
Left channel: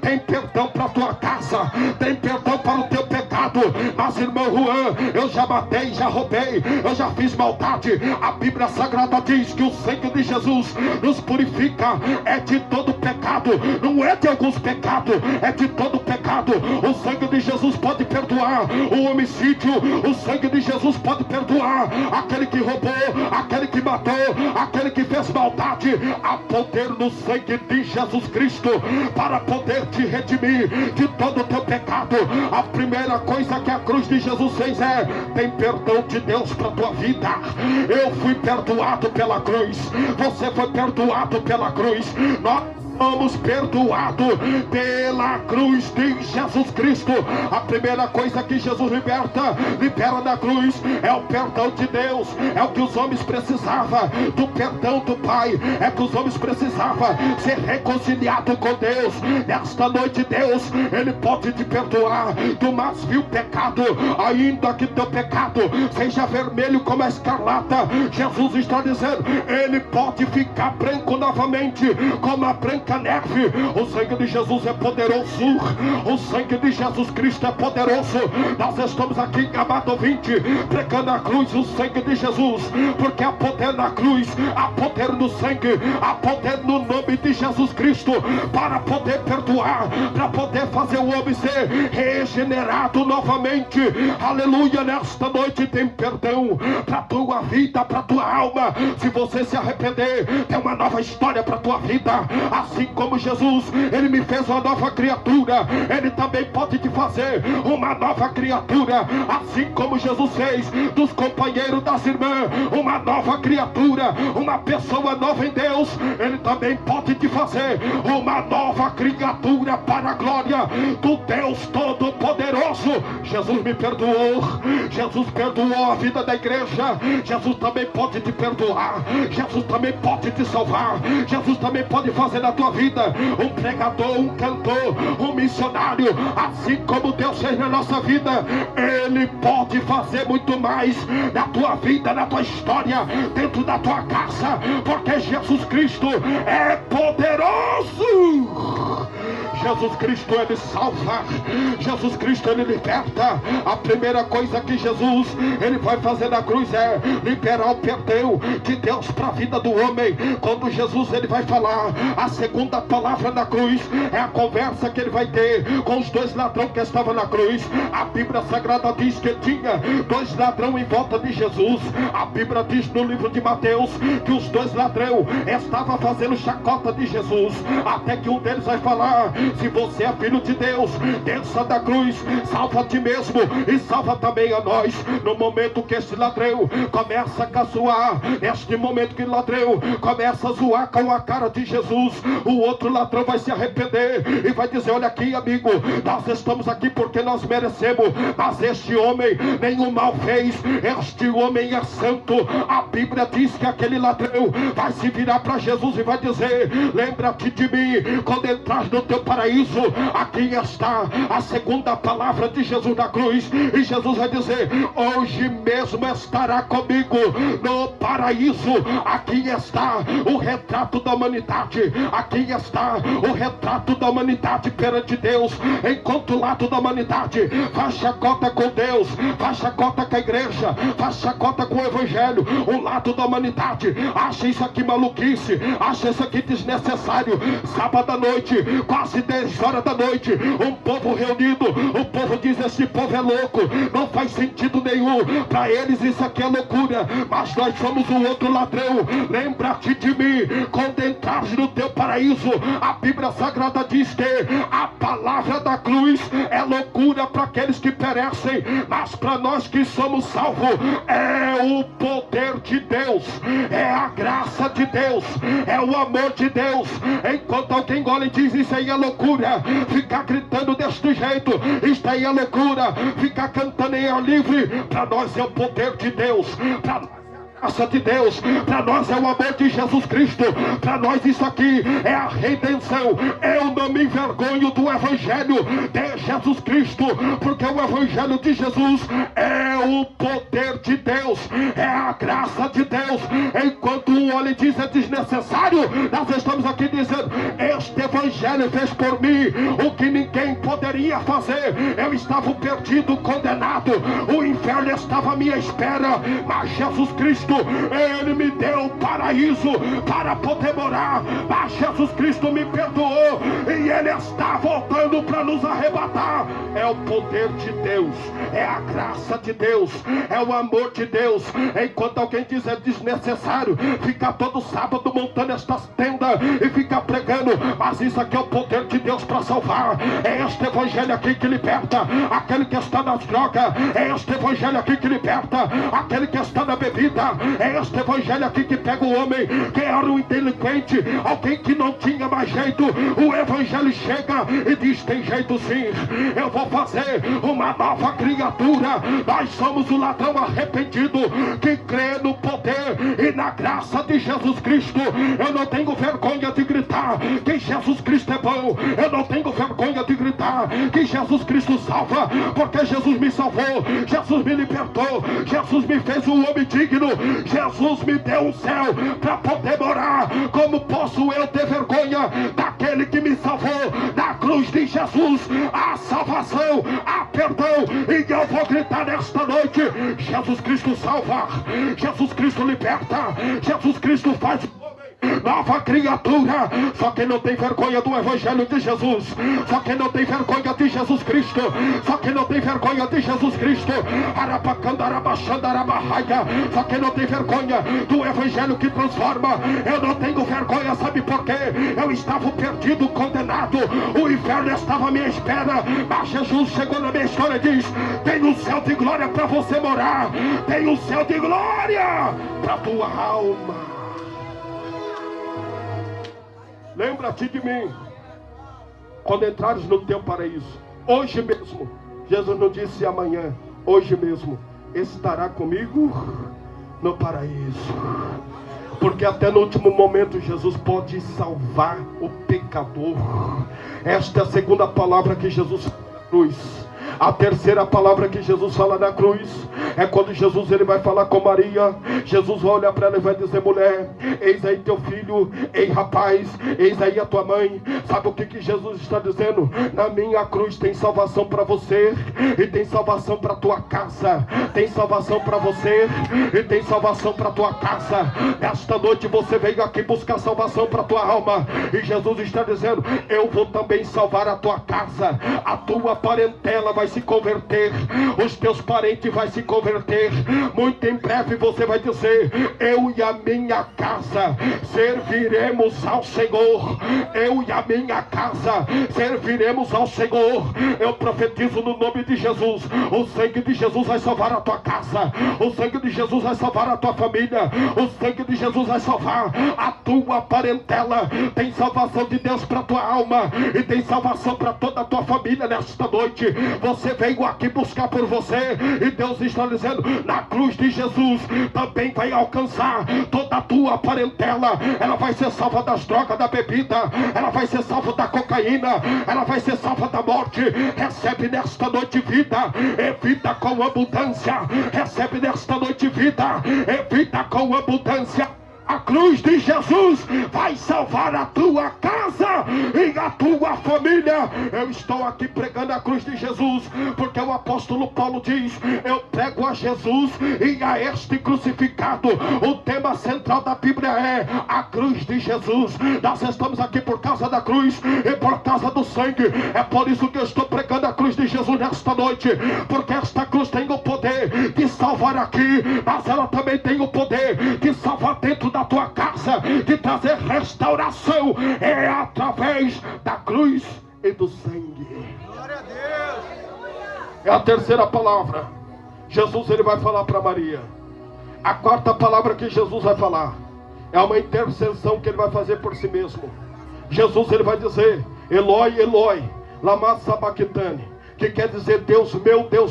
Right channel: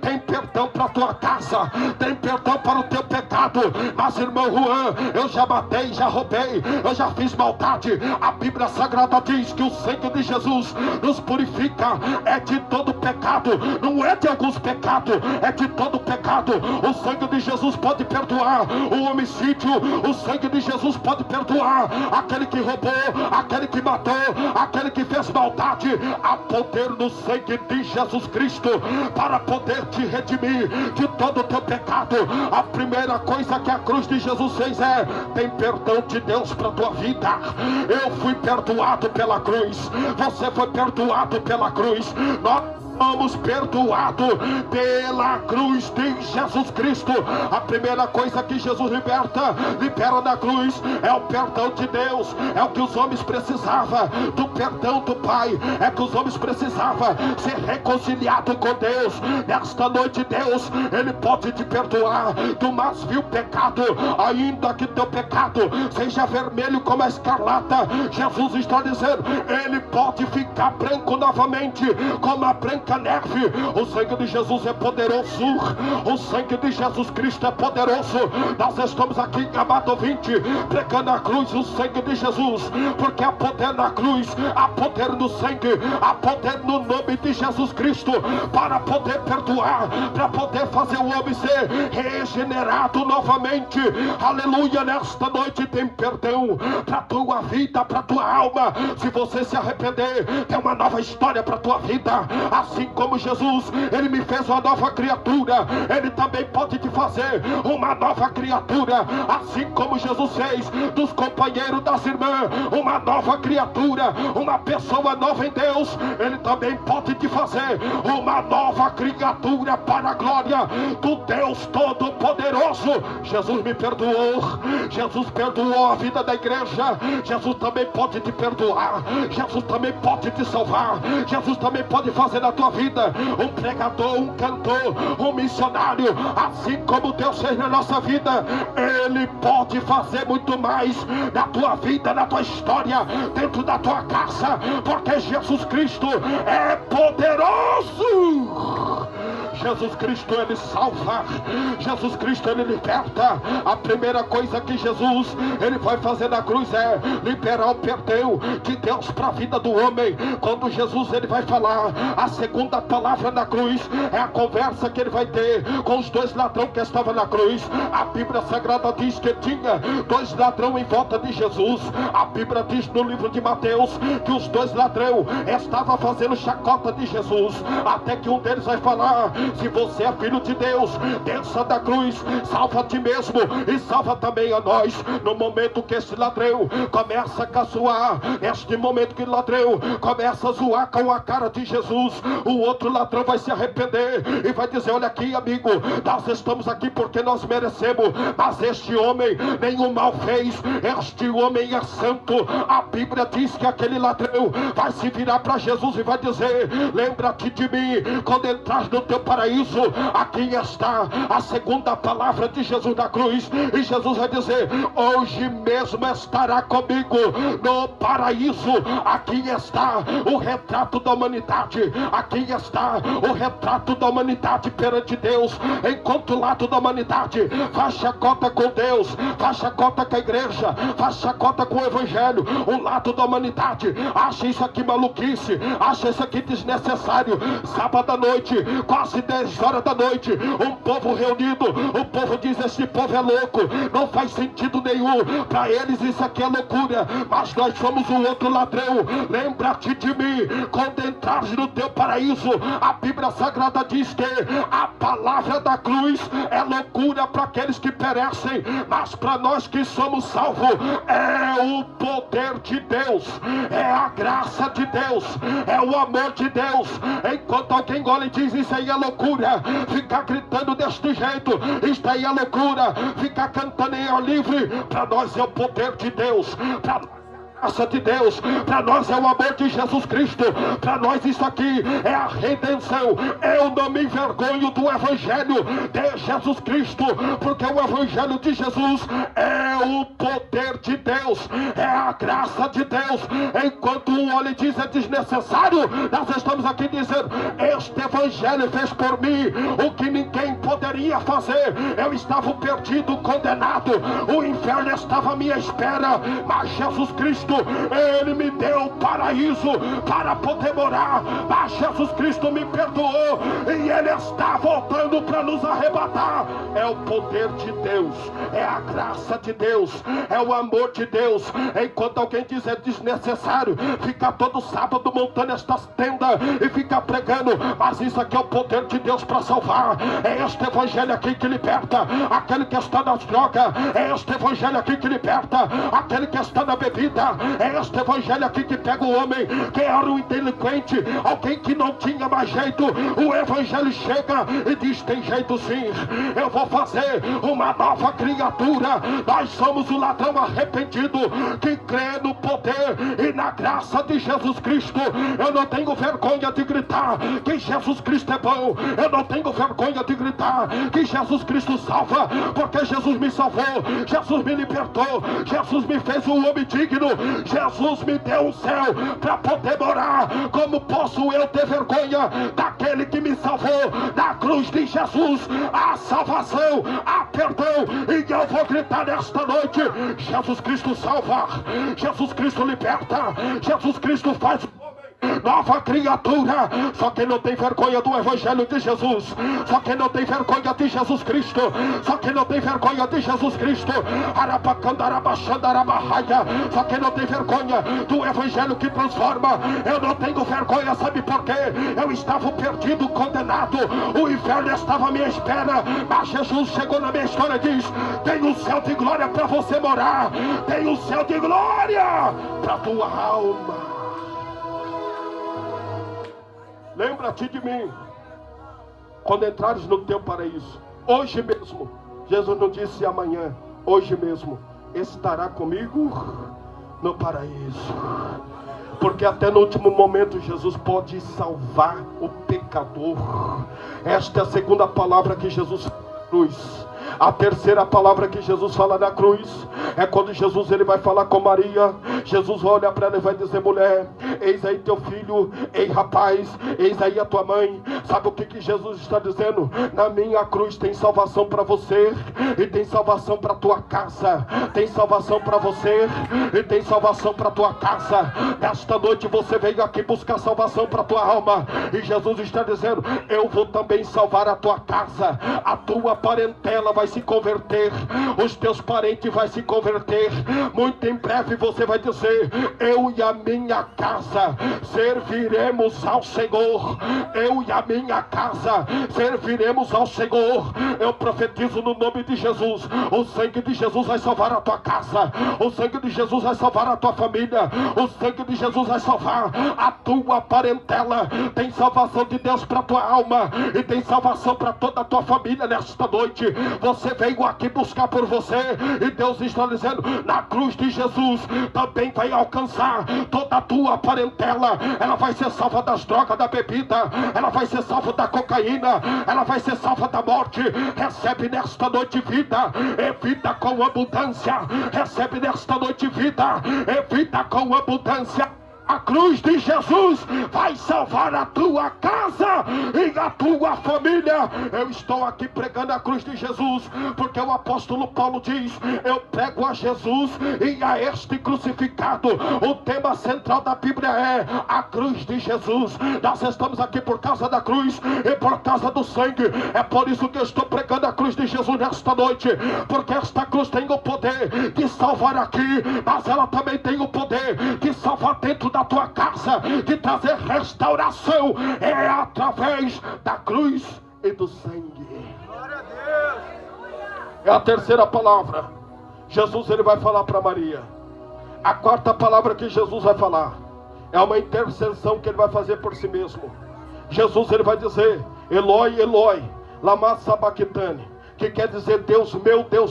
tem perdão para tua casa, tem perdão para o teu pecado. Mas irmão Juan, eu já matei, já roubei, eu já fiz maldade. A Bíblia Sagrada diz que o sangue de Jesus nos purifica, é de todo pecado, não é de alguns pecados, é de todo pecado. O sangue de Jesus pode perdoar o homicídio, o sangue de Jesus pode perdoar aquele que roubou, aquele que matou, aquele que fez maldade. Há poder no sangue de Jesus Cristo para poder te redimir de todo o teu pecado. A primeira coisa que a cruz de Jesus fez é: tem perdão de Deus para tua vida. Eu fui perdoado pela cruz, você foi perdoado pela cruz. Nós somos perdoados pela cruz de Jesus Cristo. A primeira coisa que Jesus libera na cruz é o perdão de Deus. É o que os homens precisavam, do perdão do Pai. É que os homens precisavam ser reconciliados com Deus. Nesta noite, Deus, ele pode te perdoar do mais vil pecado, ainda que teu pecado seja vermelho como a escarlata. Jesus está dizendo: ele pode ficar branco novamente como a branca neve. O sangue de Jesus é poderoso, o sangue de Jesus Cristo é poderoso. Nós estamos aqui, amado ouvinte, pregando a cruz, o sangue de Jesus, porque há poder na cruz, há poder no sangue, há poder no nome de Jesus Cristo para poder perdoar, para poder fazer o homem ser regenerado novamente. Aleluia. Nesta noite tem perdão para tua vida, para tua alma. Se você se arrepender, tem uma nova história para tua vida. Assim como Jesus, ele me fez uma nova criatura, ele também pode te fazer uma nova criatura. Assim como Jesus fez dos companheiros, das irmãs, uma nova criatura, uma pessoa nova em Deus, ele também pode te fazer uma nova criatura para a glória do Deus Todo-Poderoso. Jesus me perdoou, Jesus perdoou a vida da igreja. Jesus também pode te perdoar, Jesus também pode te salvar, Jesus também pode fazer na tua vida um pregador, um cantor, um missionário. Assim como Deus fez na nossa vida, ele pode fazer muito mais na tua vida, na tua história, dentro da tua casa, porque Jesus Cristo é poderoso. Jesus Cristo, Ele salva. Jesus Cristo, Ele liberta. A primeira coisa que Jesus, Ele vai fazer na cruz é liberar o perdão de Deus para a vida do homem. Quando Jesus, Ele vai falar, a segunda palavra na cruz é a conversa que Ele vai ter com os dois ladrões que estavam na cruz. A Bíblia Sagrada diz que tinha dois ladrões em volta de Jesus. A Bíblia diz no livro de Mateus que os dois ladrões estavam fazendo chacota de Jesus, até que um deles vai falar: se você é filho de Deus, desça da cruz, salva a ti mesmo e salva também a nós. No momento que esse ladrão começa a caçoar, neste momento que o ladrão começa a zoar com a cara de Jesus, o outro ladrão vai se arrepender e vai dizer: olha aqui, amigo, nós estamos aqui porque nós merecemos, mas este homem nenhum mal fez, este homem é santo. A Bíblia diz que aquele ladrão vai se virar para Jesus e vai dizer: lembra-te de mim quando entras no teu paraíso. Aqui está a segunda palavra de Jesus na cruz, e Jesus vai dizer: hoje mesmo estará comigo no paraíso. Aqui está o retrato da humanidade, aqui está o retrato da humanidade perante Deus, enquanto o lado da humanidade faz chacota com Deus, faz chacota com a igreja, faz chacota com o evangelho. O lado da humanidade acha isso aqui maluquice, acha isso aqui desnecessário. Sábado à noite, quase 10 horas da noite, um povo reunido, o povo diz: esse povo é louco, não faz sentido nenhum, para eles isso aqui é loucura. Mas nós somos o outro ladrão. Lembra-te de mim quando entrares no teu paraíso. A Bíblia Sagrada diz que a palavra da cruz é loucura para aqueles que perecem, mas para nós que somos salvos é o poder de Deus, é a graça de Deus, é o amor de Deus. Enquanto alguém olha e diz: isso aí é loucura, ficar gritando deste jeito, isso aí é loucura, ficar cantando em ar livre, para nós é o poder de Deus, para graça de Deus, para nós é o amor de Jesus Cristo, para nós isso aqui é a redenção. Eu não me envergonho do Evangelho de Jesus Cristo, porque o Evangelho de Jesus é o poder de Deus, é a graça de Deus. Enquanto o olho diz é desnecessário, nós estamos aqui dizendo: este Evangelho fez por mim o que ninguém poderia fazer. Eu estava perdido, condenado, o inferno estava à minha espera, mas Jesus Cristo, Ele me deu o paraíso para poder morar. Mas Jesus Cristo me perdoou e Ele está voltando para nos arrebatar. É o poder de Deus, é a graça de Deus, é o amor de Deus. Enquanto alguém diz é desnecessário ficar todo sábado montando estas tendas e ficar pregando, mas isso aqui é o poder de Deus para salvar. É este Evangelho aqui que liberta aquele que está nas drogas, é este Evangelho aqui que liberta aquele que está na bebida, é este Evangelho aqui que pega o homem que era um delinquente, alguém que não tinha mais jeito. O Evangelho chega e diz: tem jeito sim, eu vou fazer uma nova criatura. Nós somos o ladrão arrependido que crê no poder e na graça de Jesus Cristo. Eu não tenho vergonha de gritar que Jesus Cristo é bom, eu não tenho vergonha de gritar que Jesus Cristo salva, porque Jesus me salvou, Jesus me libertou, Jesus me fez um homem digno, Jesus me deu um céu para poder morar. Como posso eu ter vergonha daquele que me salvou? Na cruz de Jesus há salvação, há perdão, e eu vou gritar nesta noite: Jesus Cristo salva, Jesus Cristo liberta, Jesus Cristo faz nova criatura. Só quem não tem vergonha do Evangelho de Jesus, só quem não tem vergonha de Jesus Cristo, só quem não tem vergonha de Jesus Cristo, só quem não tem vergonha do Evangelho que transforma. Eu não tenho vergonha, sabe por quê? Eu estava perdido, condenado, o inferno estava à minha espera, mas Jesus chegou na minha história e diz: tem um céu de glória para você morar, tem um céu de glória para tua alma. Lembra-te de mim quando entrares no teu paraíso. Hoje mesmo, Jesus não disse amanhã, hoje mesmo estará comigo no paraíso. Porque até no último momento Jesus pode salvar o pecador. Esta é a segunda palavra que Jesus fala na cruz. A terceira palavra que Jesus fala na cruz é quando Jesus ele vai falar com Maria. Jesus vai olhar para ela e vai dizer: mulher, eis aí teu filho, ei rapaz, eis aí a tua mãe. Sabe o que Jesus está dizendo? Na minha cruz tem salvação para você e tem salvação para tua casa. Tem salvação para você e tem salvação para tua casa. Nesta noite você veio aqui buscar salvação para tua alma, e Jesus está dizendo: eu vou também salvar a tua casa. A tua parentela vai se converter, os teus parentes vai se converter. Muito em breve você vai dizer: eu e a minha casa serviremos ao Senhor. Eu e a minha casa serviremos ao Senhor. Eu profetizo no nome de Jesus: o sangue de Jesus vai salvar a tua casa, o sangue de Jesus vai salvar a tua família, o sangue de Jesus vai salvar a tua parentela. Tem salvação de Deus para a tua alma e tem salvação para toda a tua família nesta noite. Você veio aqui buscar por você, e Deus está dizendo: na cruz de Jesus também vai alcançar toda a tua parentela. Ela vai ser salva das drogas, da bebida, ela vai ser salva da cocaína, ela vai ser salva da morte. Recebe nesta noite vida, é vida com abundância. Recebe nesta noite vida, é vida com abundância. A cruz de Jesus vai salvar a tua casa e a tua família. Eu estou aqui pregando a cruz de Jesus, porque o apóstolo Paulo diz: eu prego a Jesus e a este crucificado. O tema central da Bíblia é a cruz de Jesus. Nós estamos aqui por causa da cruz e por causa do sangue. É por isso que eu estou pregando a cruz de Jesus nesta noite, porque esta cruz tem o poder de salvar aqui, mas ela também tem o poder de salvar dentro da tua casa, de trazer restauração. É através da cruz e do sangue. Glória a Deus. É a terceira palavra. Jesus ele vai falar para Maria. A quarta palavra que Jesus vai falar é uma intercessão que ele vai fazer por si mesmo. Jesus ele vai dizer: Eloi, Eloi, lama sabachthani, que quer dizer: Deus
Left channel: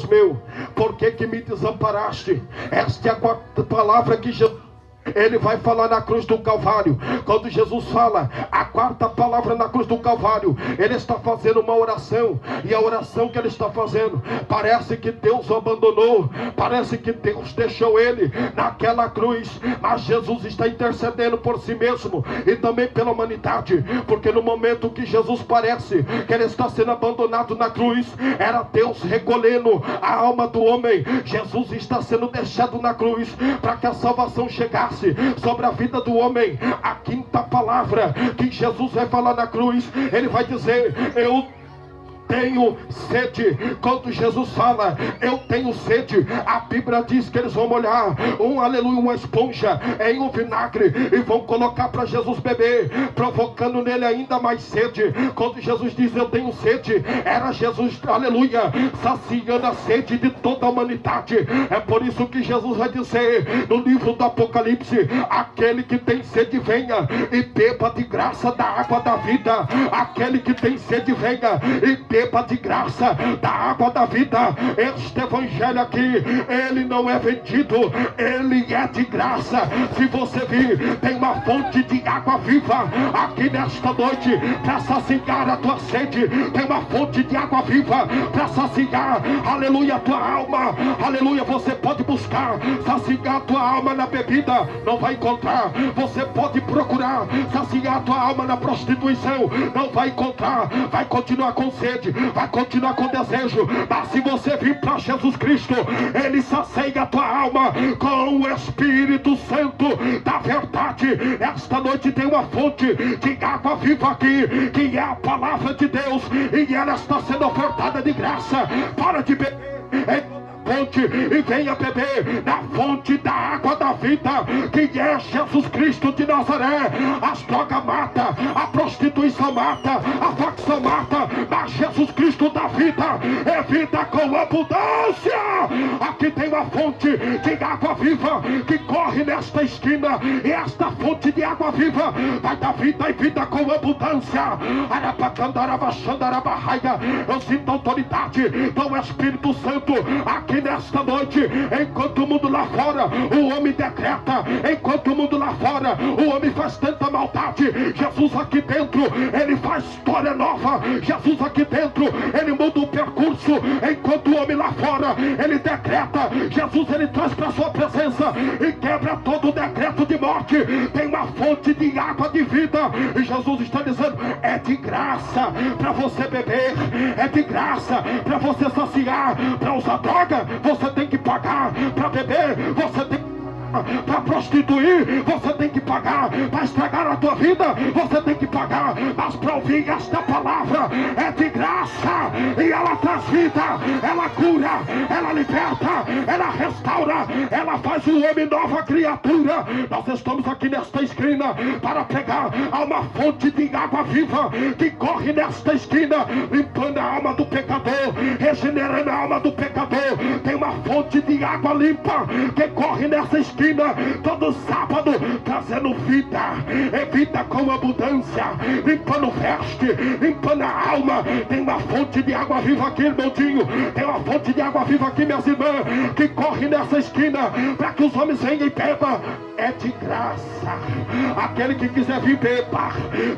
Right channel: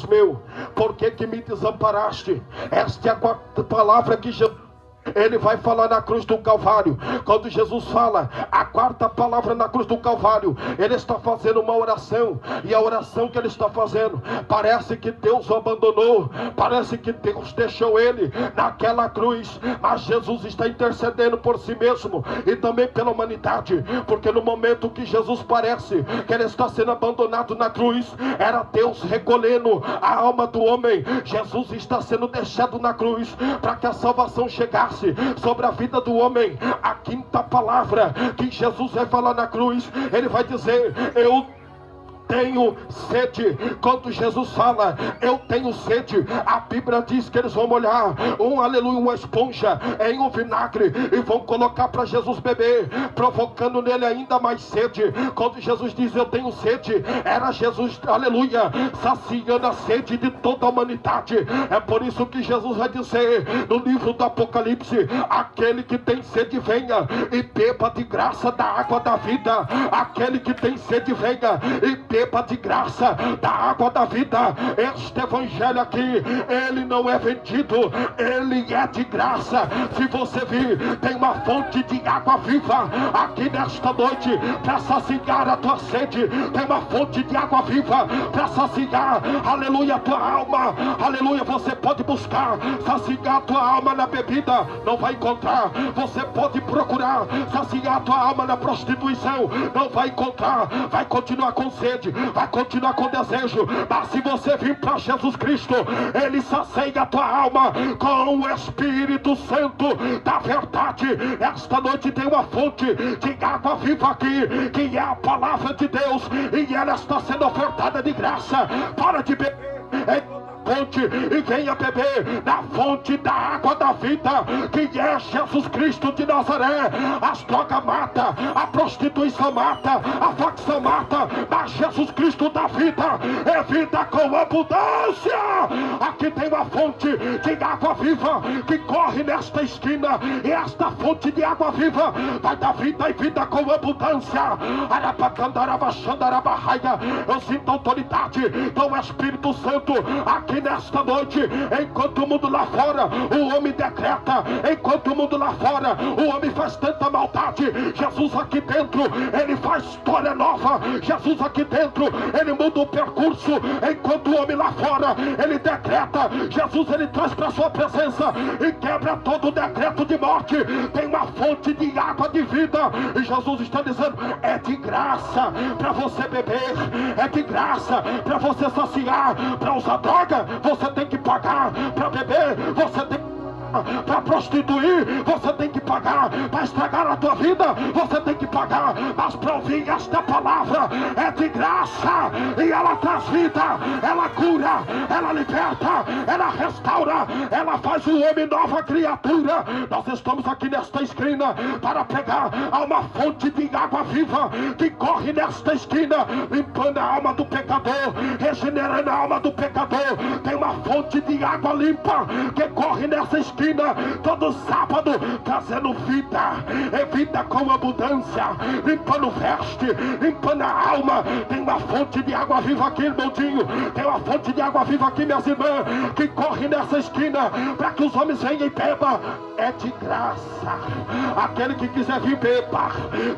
meu, por que me desamparaste? Esta é a quarta palavra que Jesus ele vai falar na cruz do Calvário. Quando Jesus fala a quarta palavra na cruz do Calvário, ele está fazendo uma oração, e a oração que ele está fazendo, parece que Deus o abandonou, parece que Deus deixou ele naquela cruz, mas Jesus está intercedendo por si mesmo e também pela humanidade, porque no momento que Jesus parece que ele está sendo abandonado na cruz, era Deus recolhendo a alma do homem. Jesus está sendo deixado na cruz para que a salvação chegasse sobre a vida do homem. A quinta palavra que Jesus vai falar na cruz, ele vai dizer: eu tenho sede. Quando Jesus fala eu tenho sede, a Bíblia diz que eles vão molhar uma esponja em um vinagre e vão colocar para Jesus beber, provocando nele ainda mais sede. Quando Jesus diz eu tenho sede, era Jesus, aleluia, saciando a sede de toda a humanidade. É por isso que Jesus vai dizer no livro do Apocalipse: aquele que tem sede venha e beba de graça da água da vida. Aquele que tem sede venha e beba de graça da água da vida. Este evangelho aqui, ele não é vendido, ele é de graça. Se você vir, tem uma fonte de água viva aqui nesta noite para saciar a tua sede. Tem uma fonte de água viva para saciar, aleluia, a tua alma. Aleluia, você pode buscar saciar a tua alma na bebida, não vai encontrar. Você pode procurar saciar a tua alma na prostituição, não vai encontrar. Vai continuar com sede, vai continuar com desejo, mas se você vir para Jesus Cristo, ele sacia a tua alma com o Espírito Santo da verdade. Esta noite tem uma fonte de água viva aqui, que é a palavra de Deus, e ela está sendo ofertada de graça. Para de beber fonte e venha beber na fonte da água da vida, que é Jesus Cristo de Nazaré. As drogas matam, a prostituição mata, a facção mata, mas Jesus Cristo da vida é vida com abundância. Aqui tem uma fonte de água viva que corre nesta esquina. E esta fonte de água viva vai dar vida e vida com abundância. Eu sinto autoridade do Espírito Santo aqui nesta noite. Enquanto o mundo lá fora, o homem decreta. Enquanto o mundo lá fora, o homem faz tanta maldade, Jesus aqui dentro, ele faz história nova. Jesus aqui dentro, ele muda o percurso. Enquanto o homem lá fora, ele decreta. Jesus, ele traz para a sua presença e quebra todo o decreto de morte. Tem uma fonte de água de vida. E Jesus está dizendo, é de graça para você beber, é de graça para você saciar. Para usar droga, você tem que pagar. Para beber, você tem que, para prostituir, você tem que pagar. Para estragar a tua vida, você tem que pagar. Mas para ouvir esta palavra é de graça. E ela traz vida, ela cura, ela liberta, ela restaura, ela faz o homem nova criatura. Nós estamos aqui nesta esquina para pegar a uma fonte de água viva que corre nesta esquina, limpando a alma do pecador, regenerando a alma do pecador. Tem uma fonte de água limpa que corre nessa esquina todo sábado, trazendo vida, é vida com abundância, limpando veste, limpando a alma. Tem uma fonte de água viva aqui, irmãozinho. Tem uma fonte de água viva aqui, minhas irmãs, que corre nessa esquina para que os homens venham e bebam. É de graça. Aquele que quiser vir, beba,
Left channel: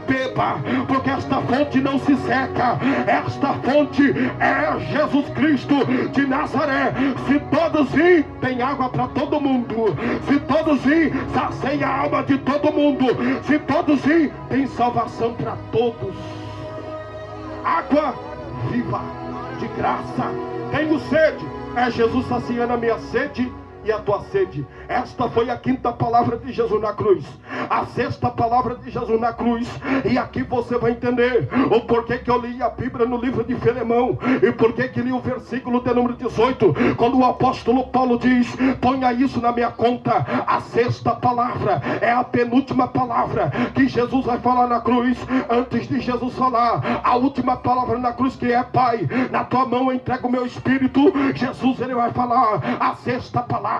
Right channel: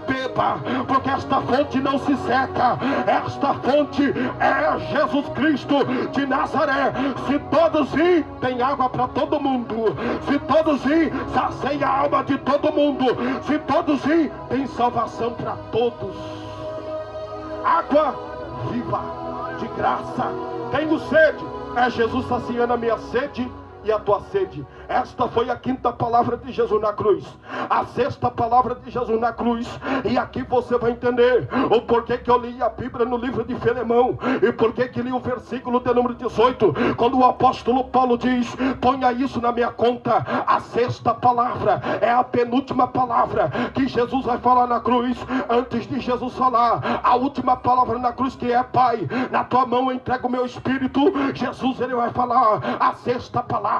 beba, porque esta fonte não se seca. Esta fonte é Jesus Cristo de Nazaré. Se todos virem, tem água para todo mundo. Se todos virem, sacia a alma de todo mundo. Se todos virem, tem salvação para todos. Água viva, de graça. Tenho sede, é Jesus saciando a minha sede e a tua sede. Esta foi a quinta palavra de Jesus na cruz, a sexta palavra de Jesus na cruz. E aqui você vai entender o porquê que eu li a Bíblia no livro de Filemão, e porquê que li o versículo de número 18, quando o apóstolo Paulo diz, ponha isso na minha conta. A sexta palavra é a penúltima palavra que Jesus vai falar na cruz. Antes de Jesus falar a última palavra na cruz, que é, Pai, na tua mão eu entrego o meu espírito, Jesus, ele vai falar a sexta palavra.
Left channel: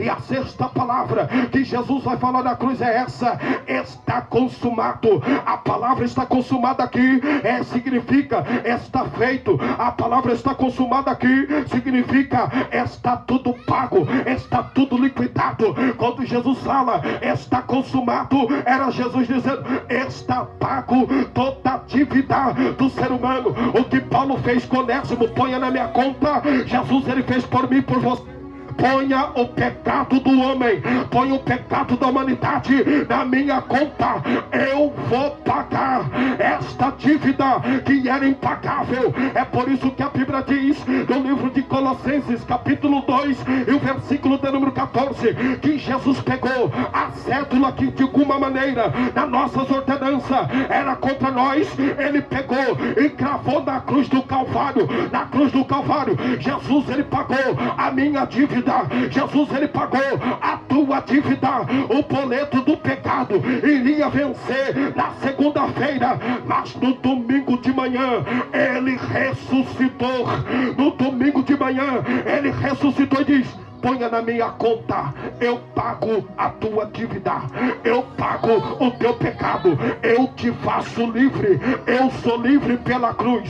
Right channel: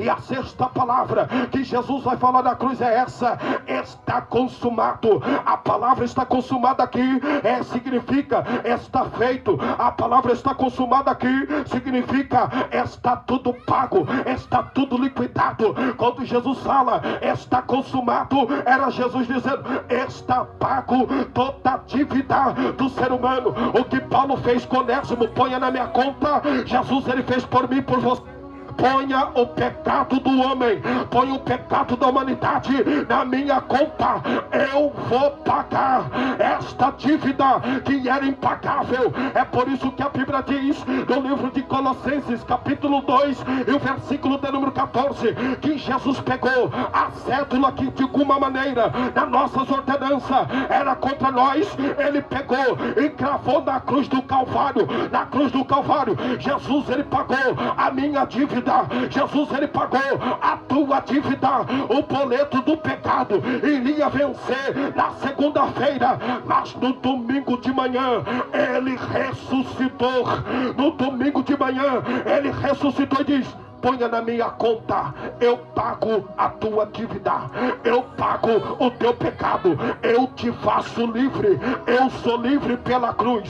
E a sexta palavra que Jesus vai falar na cruz é essa: está consumado. A palavra está consumada aqui significa está feito. A palavra está consumada aqui significa está tudo pago, está tudo liquidado. Quando Jesus fala está consumado, era Jesus dizendo está pago toda a dívida do ser humano. O que Paulo fez com Onésimo, ponha na minha conta. Jesus, ele fez por mim, por você. Ponha o pecado do homem, ponha o pecado da humanidade na minha conta. Eu vou pagar esta dívida que era impagável. É por isso que a Bíblia diz no livro de Colossenses, capítulo 2, e o versículo de número 14, que Jesus pegou a cédula que de alguma maneira na nossas ordenanças era contra nós. Ele pegou e cravou na cruz do Calvário. Na cruz do Calvário, Jesus, ele pagou a minha dívida. Jesus, ele pagou a tua dívida. O boleto do pecado iria vencer na segunda-feira, mas no domingo de manhã ele ressuscitou. No domingo de manhã ele ressuscitou e diz: ponha na minha conta, eu pago a tua dívida, eu pago o teu pecado, eu te faço livre. Eu sou livre pela cruz,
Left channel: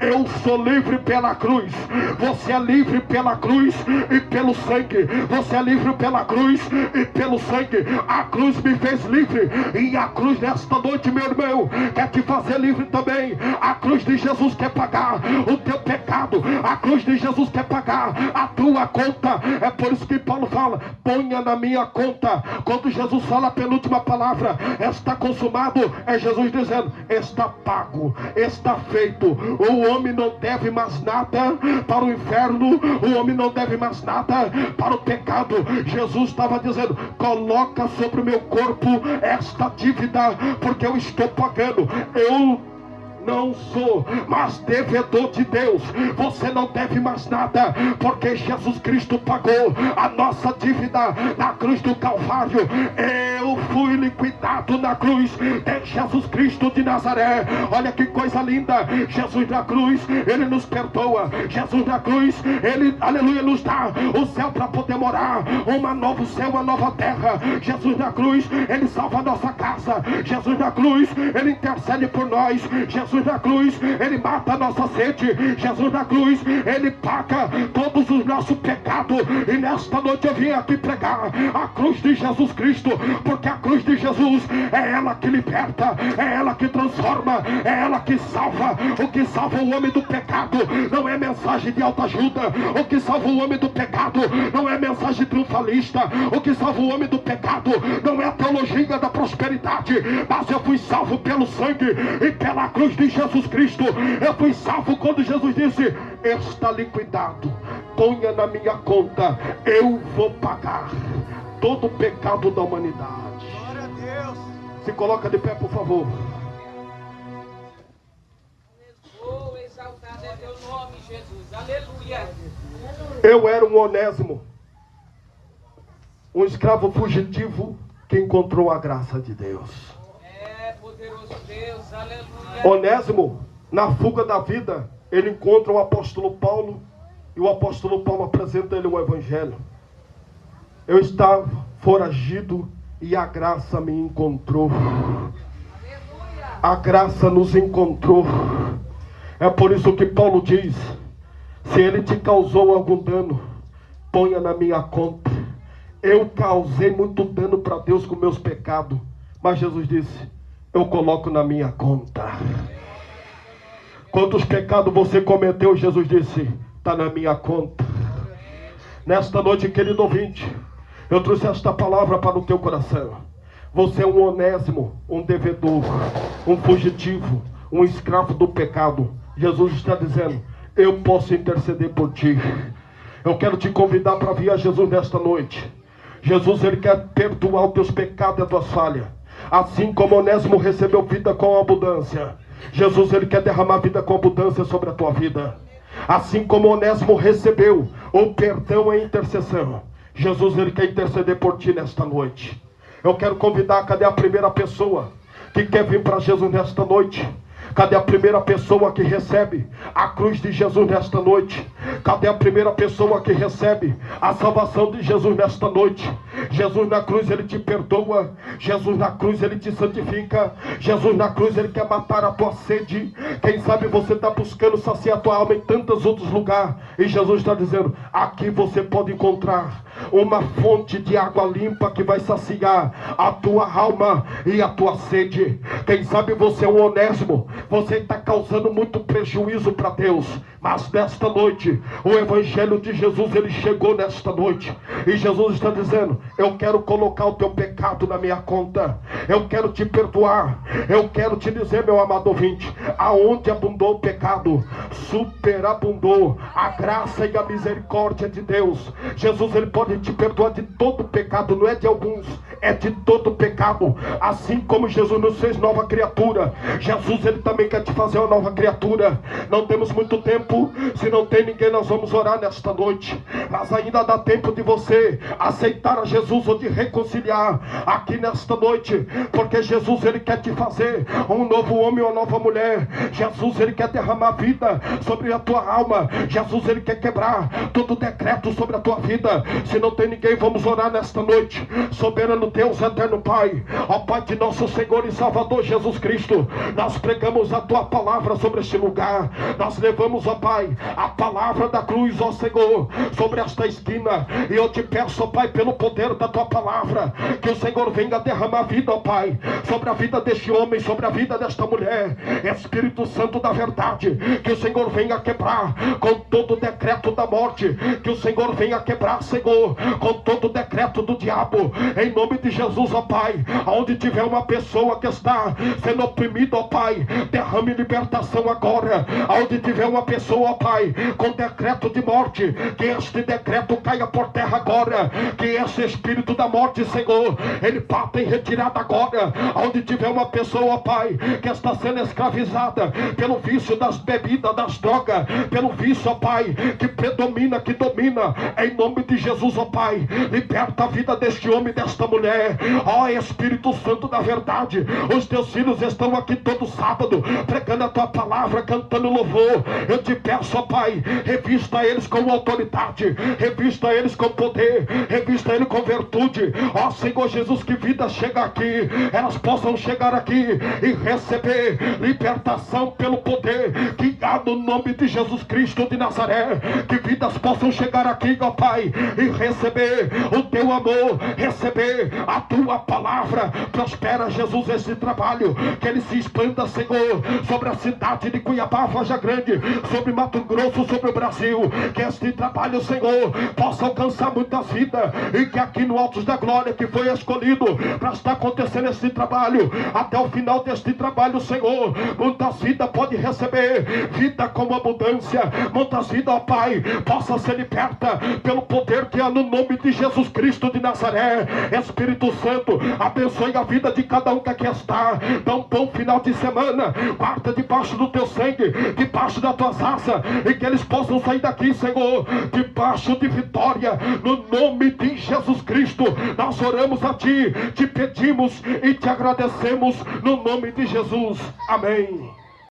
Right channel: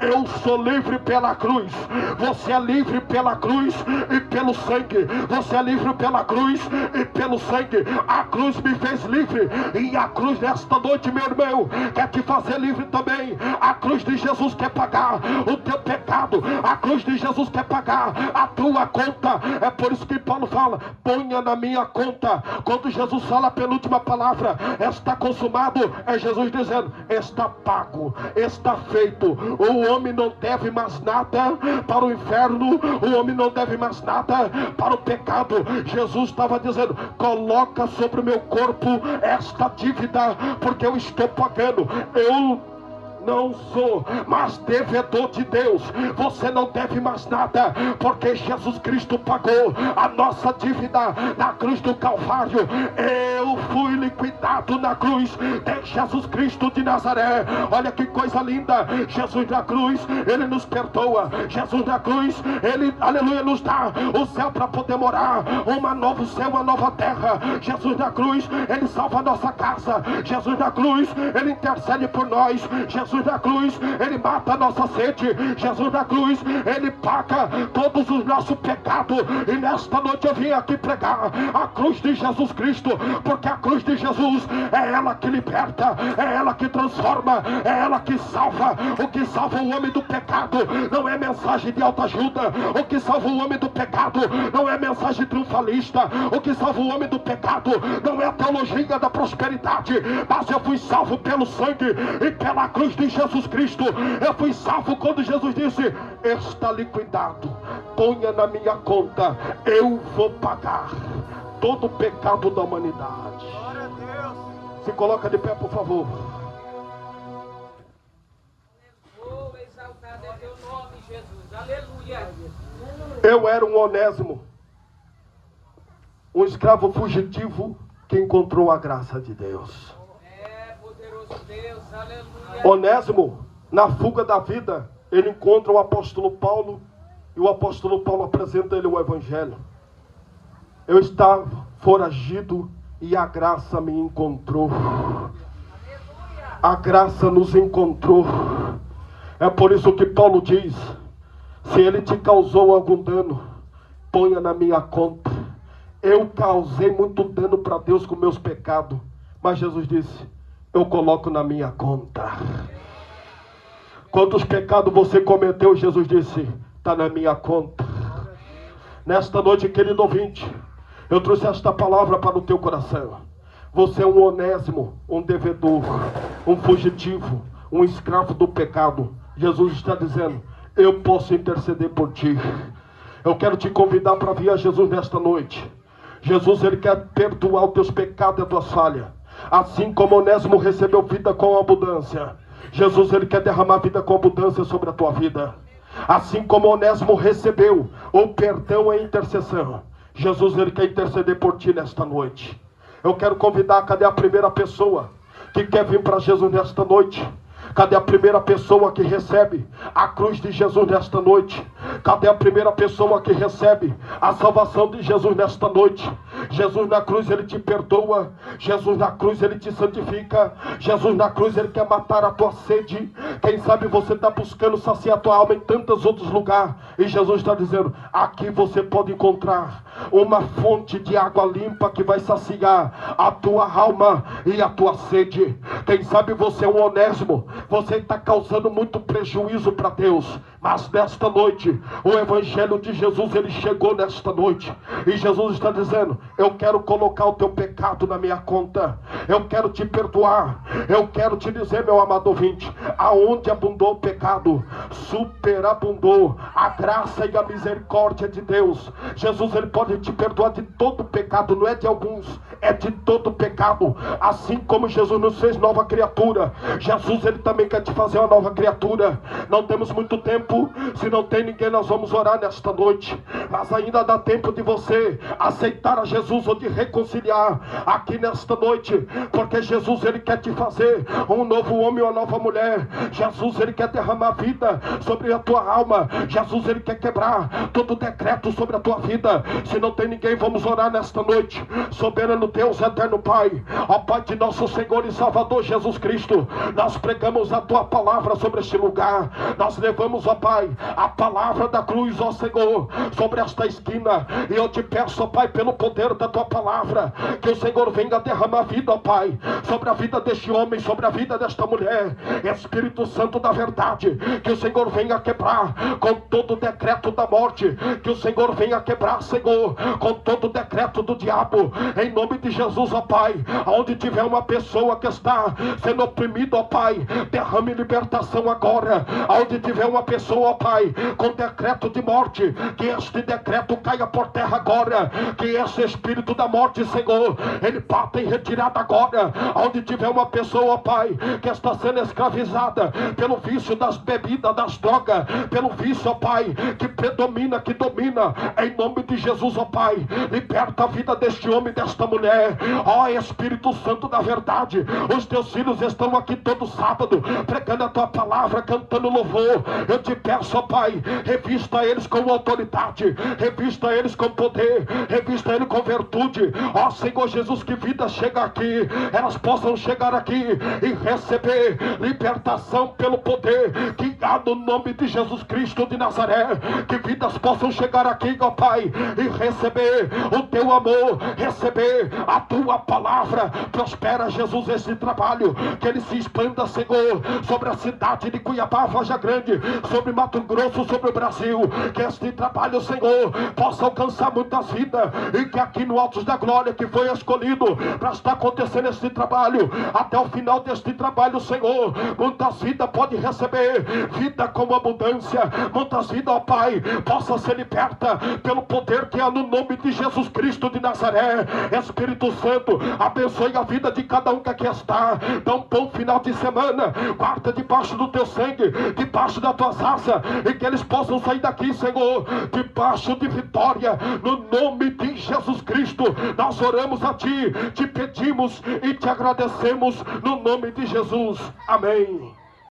eu sou livre pela cruz. Você é livre pela cruz e pelo sangue. Você é livre pela cruz e pelo sangue. A cruz me fez livre, e a cruz nesta noite, meu irmão, quer te fazer livre também. A cruz de Jesus quer pagar o teu pecado, a cruz de Jesus quer pagar a tua conta. É por isso que Paulo fala, ponha na minha conta. Quando Jesus fala a penúltima palavra, está consumado, é Jesus dizendo, está pago, está feito. O homem não deve mais nada para o inferno, o homem não deve mais nada para o pecado. Jesus estava dizendo, coloca sobre o meu corpo esta dívida, porque eu estou pagando. não sou mais devedor de Deus. Você não deve mais nada, porque Jesus Cristo pagou a nossa dívida na cruz do Calvário. Eu fui liquidado na cruz de Jesus Cristo de Nazaré. Olha que coisa linda. Jesus na cruz, Ele nos perdoa. Jesus na cruz, Ele, aleluia, nos dá o céu para poder morar, um novo céu, uma nova terra. Jesus na cruz, Ele salva a nossa casa. Jesus na cruz, Ele intercede por nós. Jesus na cruz, Ele mata a nossa sede. Jesus na cruz, Ele paga todos os nossos pecados. E nesta noite eu vim aqui pregar a cruz de Jesus Cristo, porque a cruz de Jesus é ela que liberta, é ela que transforma, é ela que salva. O que salva o homem do pecado não é mensagem de autoajuda. O que salva o homem do pecado não é mensagem triunfalista. O que salva o homem do pecado não é a teologia da prosperidade, mas eu fui salvo pelo sangue e pela cruz de Jesus Cristo. Eu fui salvo quando Jesus disse: está liquidado, ponha na minha conta, eu vou pagar todo o pecado da humanidade. Glória a Deus. Se coloca de pé, por favor. Oh, exaltado é teu nome, Jesus. Aleluia. Eu era um Onésimo, um escravo fugitivo que encontrou a graça de Deus. É, poderoso Deus. Aleluia. Onésimo, na fuga da vida, ele encontra o apóstolo Paulo, e o apóstolo Paulo apresenta ele o evangelho. Eu estava foragido e a graça me encontrou. A graça nos encontrou. É por isso que Paulo diz: se ele te causou algum dano, ponha na minha conta. Eu causei muito dano para Deus com meus pecados, mas Jesus disse: eu coloco na minha conta. Quantos pecados você cometeu? Jesus disse: está na minha conta. Nesta noite, querido ouvinte, eu trouxe esta palavra para o teu coração. Você é um onésimo, um devedor, um fugitivo, um escravo do pecado. Jesus está dizendo: eu posso interceder por ti. Eu quero te convidar para vir a Jesus nesta noite. Jesus, Ele quer perdoar os teus pecados e as tuas falhas. Assim como Onésimo recebeu vida com abundância, Jesus, Ele quer derramar vida com abundância sobre a tua vida. Assim como Onésimo recebeu o perdão e a intercessão, Jesus, Ele quer interceder por ti nesta noite. Eu quero convidar, cadê a primeira pessoa que quer vir para Jesus nesta noite? Cadê a primeira pessoa que recebe a cruz de Jesus nesta noite? Cadê a primeira pessoa que recebe a salvação de Jesus nesta noite? Jesus na cruz, Ele te perdoa. Jesus na cruz, Ele te santifica. Jesus na cruz, Ele quer matar a tua sede. Quem sabe você está buscando saciar a tua alma em tantos outros lugares, e Jesus está dizendo: aqui você pode encontrar uma fonte de água limpa que vai saciar a tua alma e a tua sede. Quem sabe você é um onésimo, você está causando muito prejuízo para Deus, mas nesta noite o evangelho de Jesus, ele chegou nesta noite, e Jesus está dizendo: eu quero colocar o teu pecado na minha conta, eu quero te perdoar. Eu quero te dizer, meu amado ouvinte, aonde abundou o pecado, superabundou a graça e a misericórdia de Deus. Jesus, ele pode te perdoar de todo pecado, não é de alguns, é de todo pecado. Assim como Jesus nos fez nova criatura, Jesus, ele também quer te fazer uma nova criatura. Não temos muito tempo, se não tem ninguém, nós vamos orar nesta noite, mas ainda dá tempo de você aceitar a Jesus ou de reconciliar aqui nesta noite, porque Jesus, ele quer te fazer um novo homem, uma nova mulher. Jesus, ele quer derramar vida sobre a tua alma. Jesus, ele quer quebrar todo decreto sobre a tua vida. Se não tem ninguém, vamos orar nesta noite. Soberano Deus, eterno Pai, ó Pai de nosso Senhor e Salvador Jesus Cristo, nós pregamos a tua palavra sobre este lugar. Nós levamos, ó Pai, a palavra da cruz, ó Senhor, sobre esta esquina, e eu te peço, ó Pai, pelo poder da tua palavra, que o Senhor venha derramar vida, ó Pai, sobre a vida deste homem, sobre a vida desta mulher. Espírito Santo da verdade, que o Senhor venha quebrar com todo o decreto da morte, que o Senhor venha quebrar, Senhor, com todo o decreto do diabo, em nome de Jesus, ó Pai, onde tiver uma pessoa que está sendo oprimida, ó Pai, derrame libertação agora. Onde tiver uma pessoa, ó Pai, com decreto de morte, que este decreto caia por terra agora, que esse espírito da morte, Senhor, ele bata em retirada agora. Onde tiver uma pessoa, ó Pai, que está sendo escravizada pelo vício das bebidas, das drogas, pelo vício, ó Pai, que predomina, que domina, em nome de Jesus, ó Pai, liberta a vida deste homem, desta mulher. Ó Espírito Santo da verdade, os teus filhos estão aqui todo sábado, pregando a tua palavra, cantando louvor. Eu te peço, ó Pai, revista eles com autoridade, revista eles com poder, revista eles com virtude. Ó Senhor Jesus, que vida chega aqui, elas possam chegar aqui e receber libertação pelo poder que há no nome de Jesus Cristo de Nazaré. Que vidas possam chegar aqui, ó Pai, e receber o teu amor, receber a tua palavra. Prospera, Jesus, esse trabalho, que ele se expanda, Senhor, sobre a cidade de Cuiabá, Varja Grande, sobre Mato Grosso, sobre o Brasil. Que este trabalho, Senhor, possa alcançar muitas vidas, e que aqui no Altos da Glória, que foi escolhido para estar acontecendo este trabalho, até o final deste trabalho, Senhor, muitas vidas podem receber vida com abundância. Muitas vidas, ó Pai, possa ser liberta pelo poder que há no nome de Jesus Cristo de Nazaré. Espírito Santo, abençoe a vida de cada um que aqui está. Dá um bom final de semana, guarda debaixo do teu sangue, debaixo das tuas asas, e que eles possam sair daqui, Senhor, debaixo de vitória, no nome de Jesus Cristo. Nós oramos a Ti, te pedimos e te agradecemos no nome de Jesus. Amém.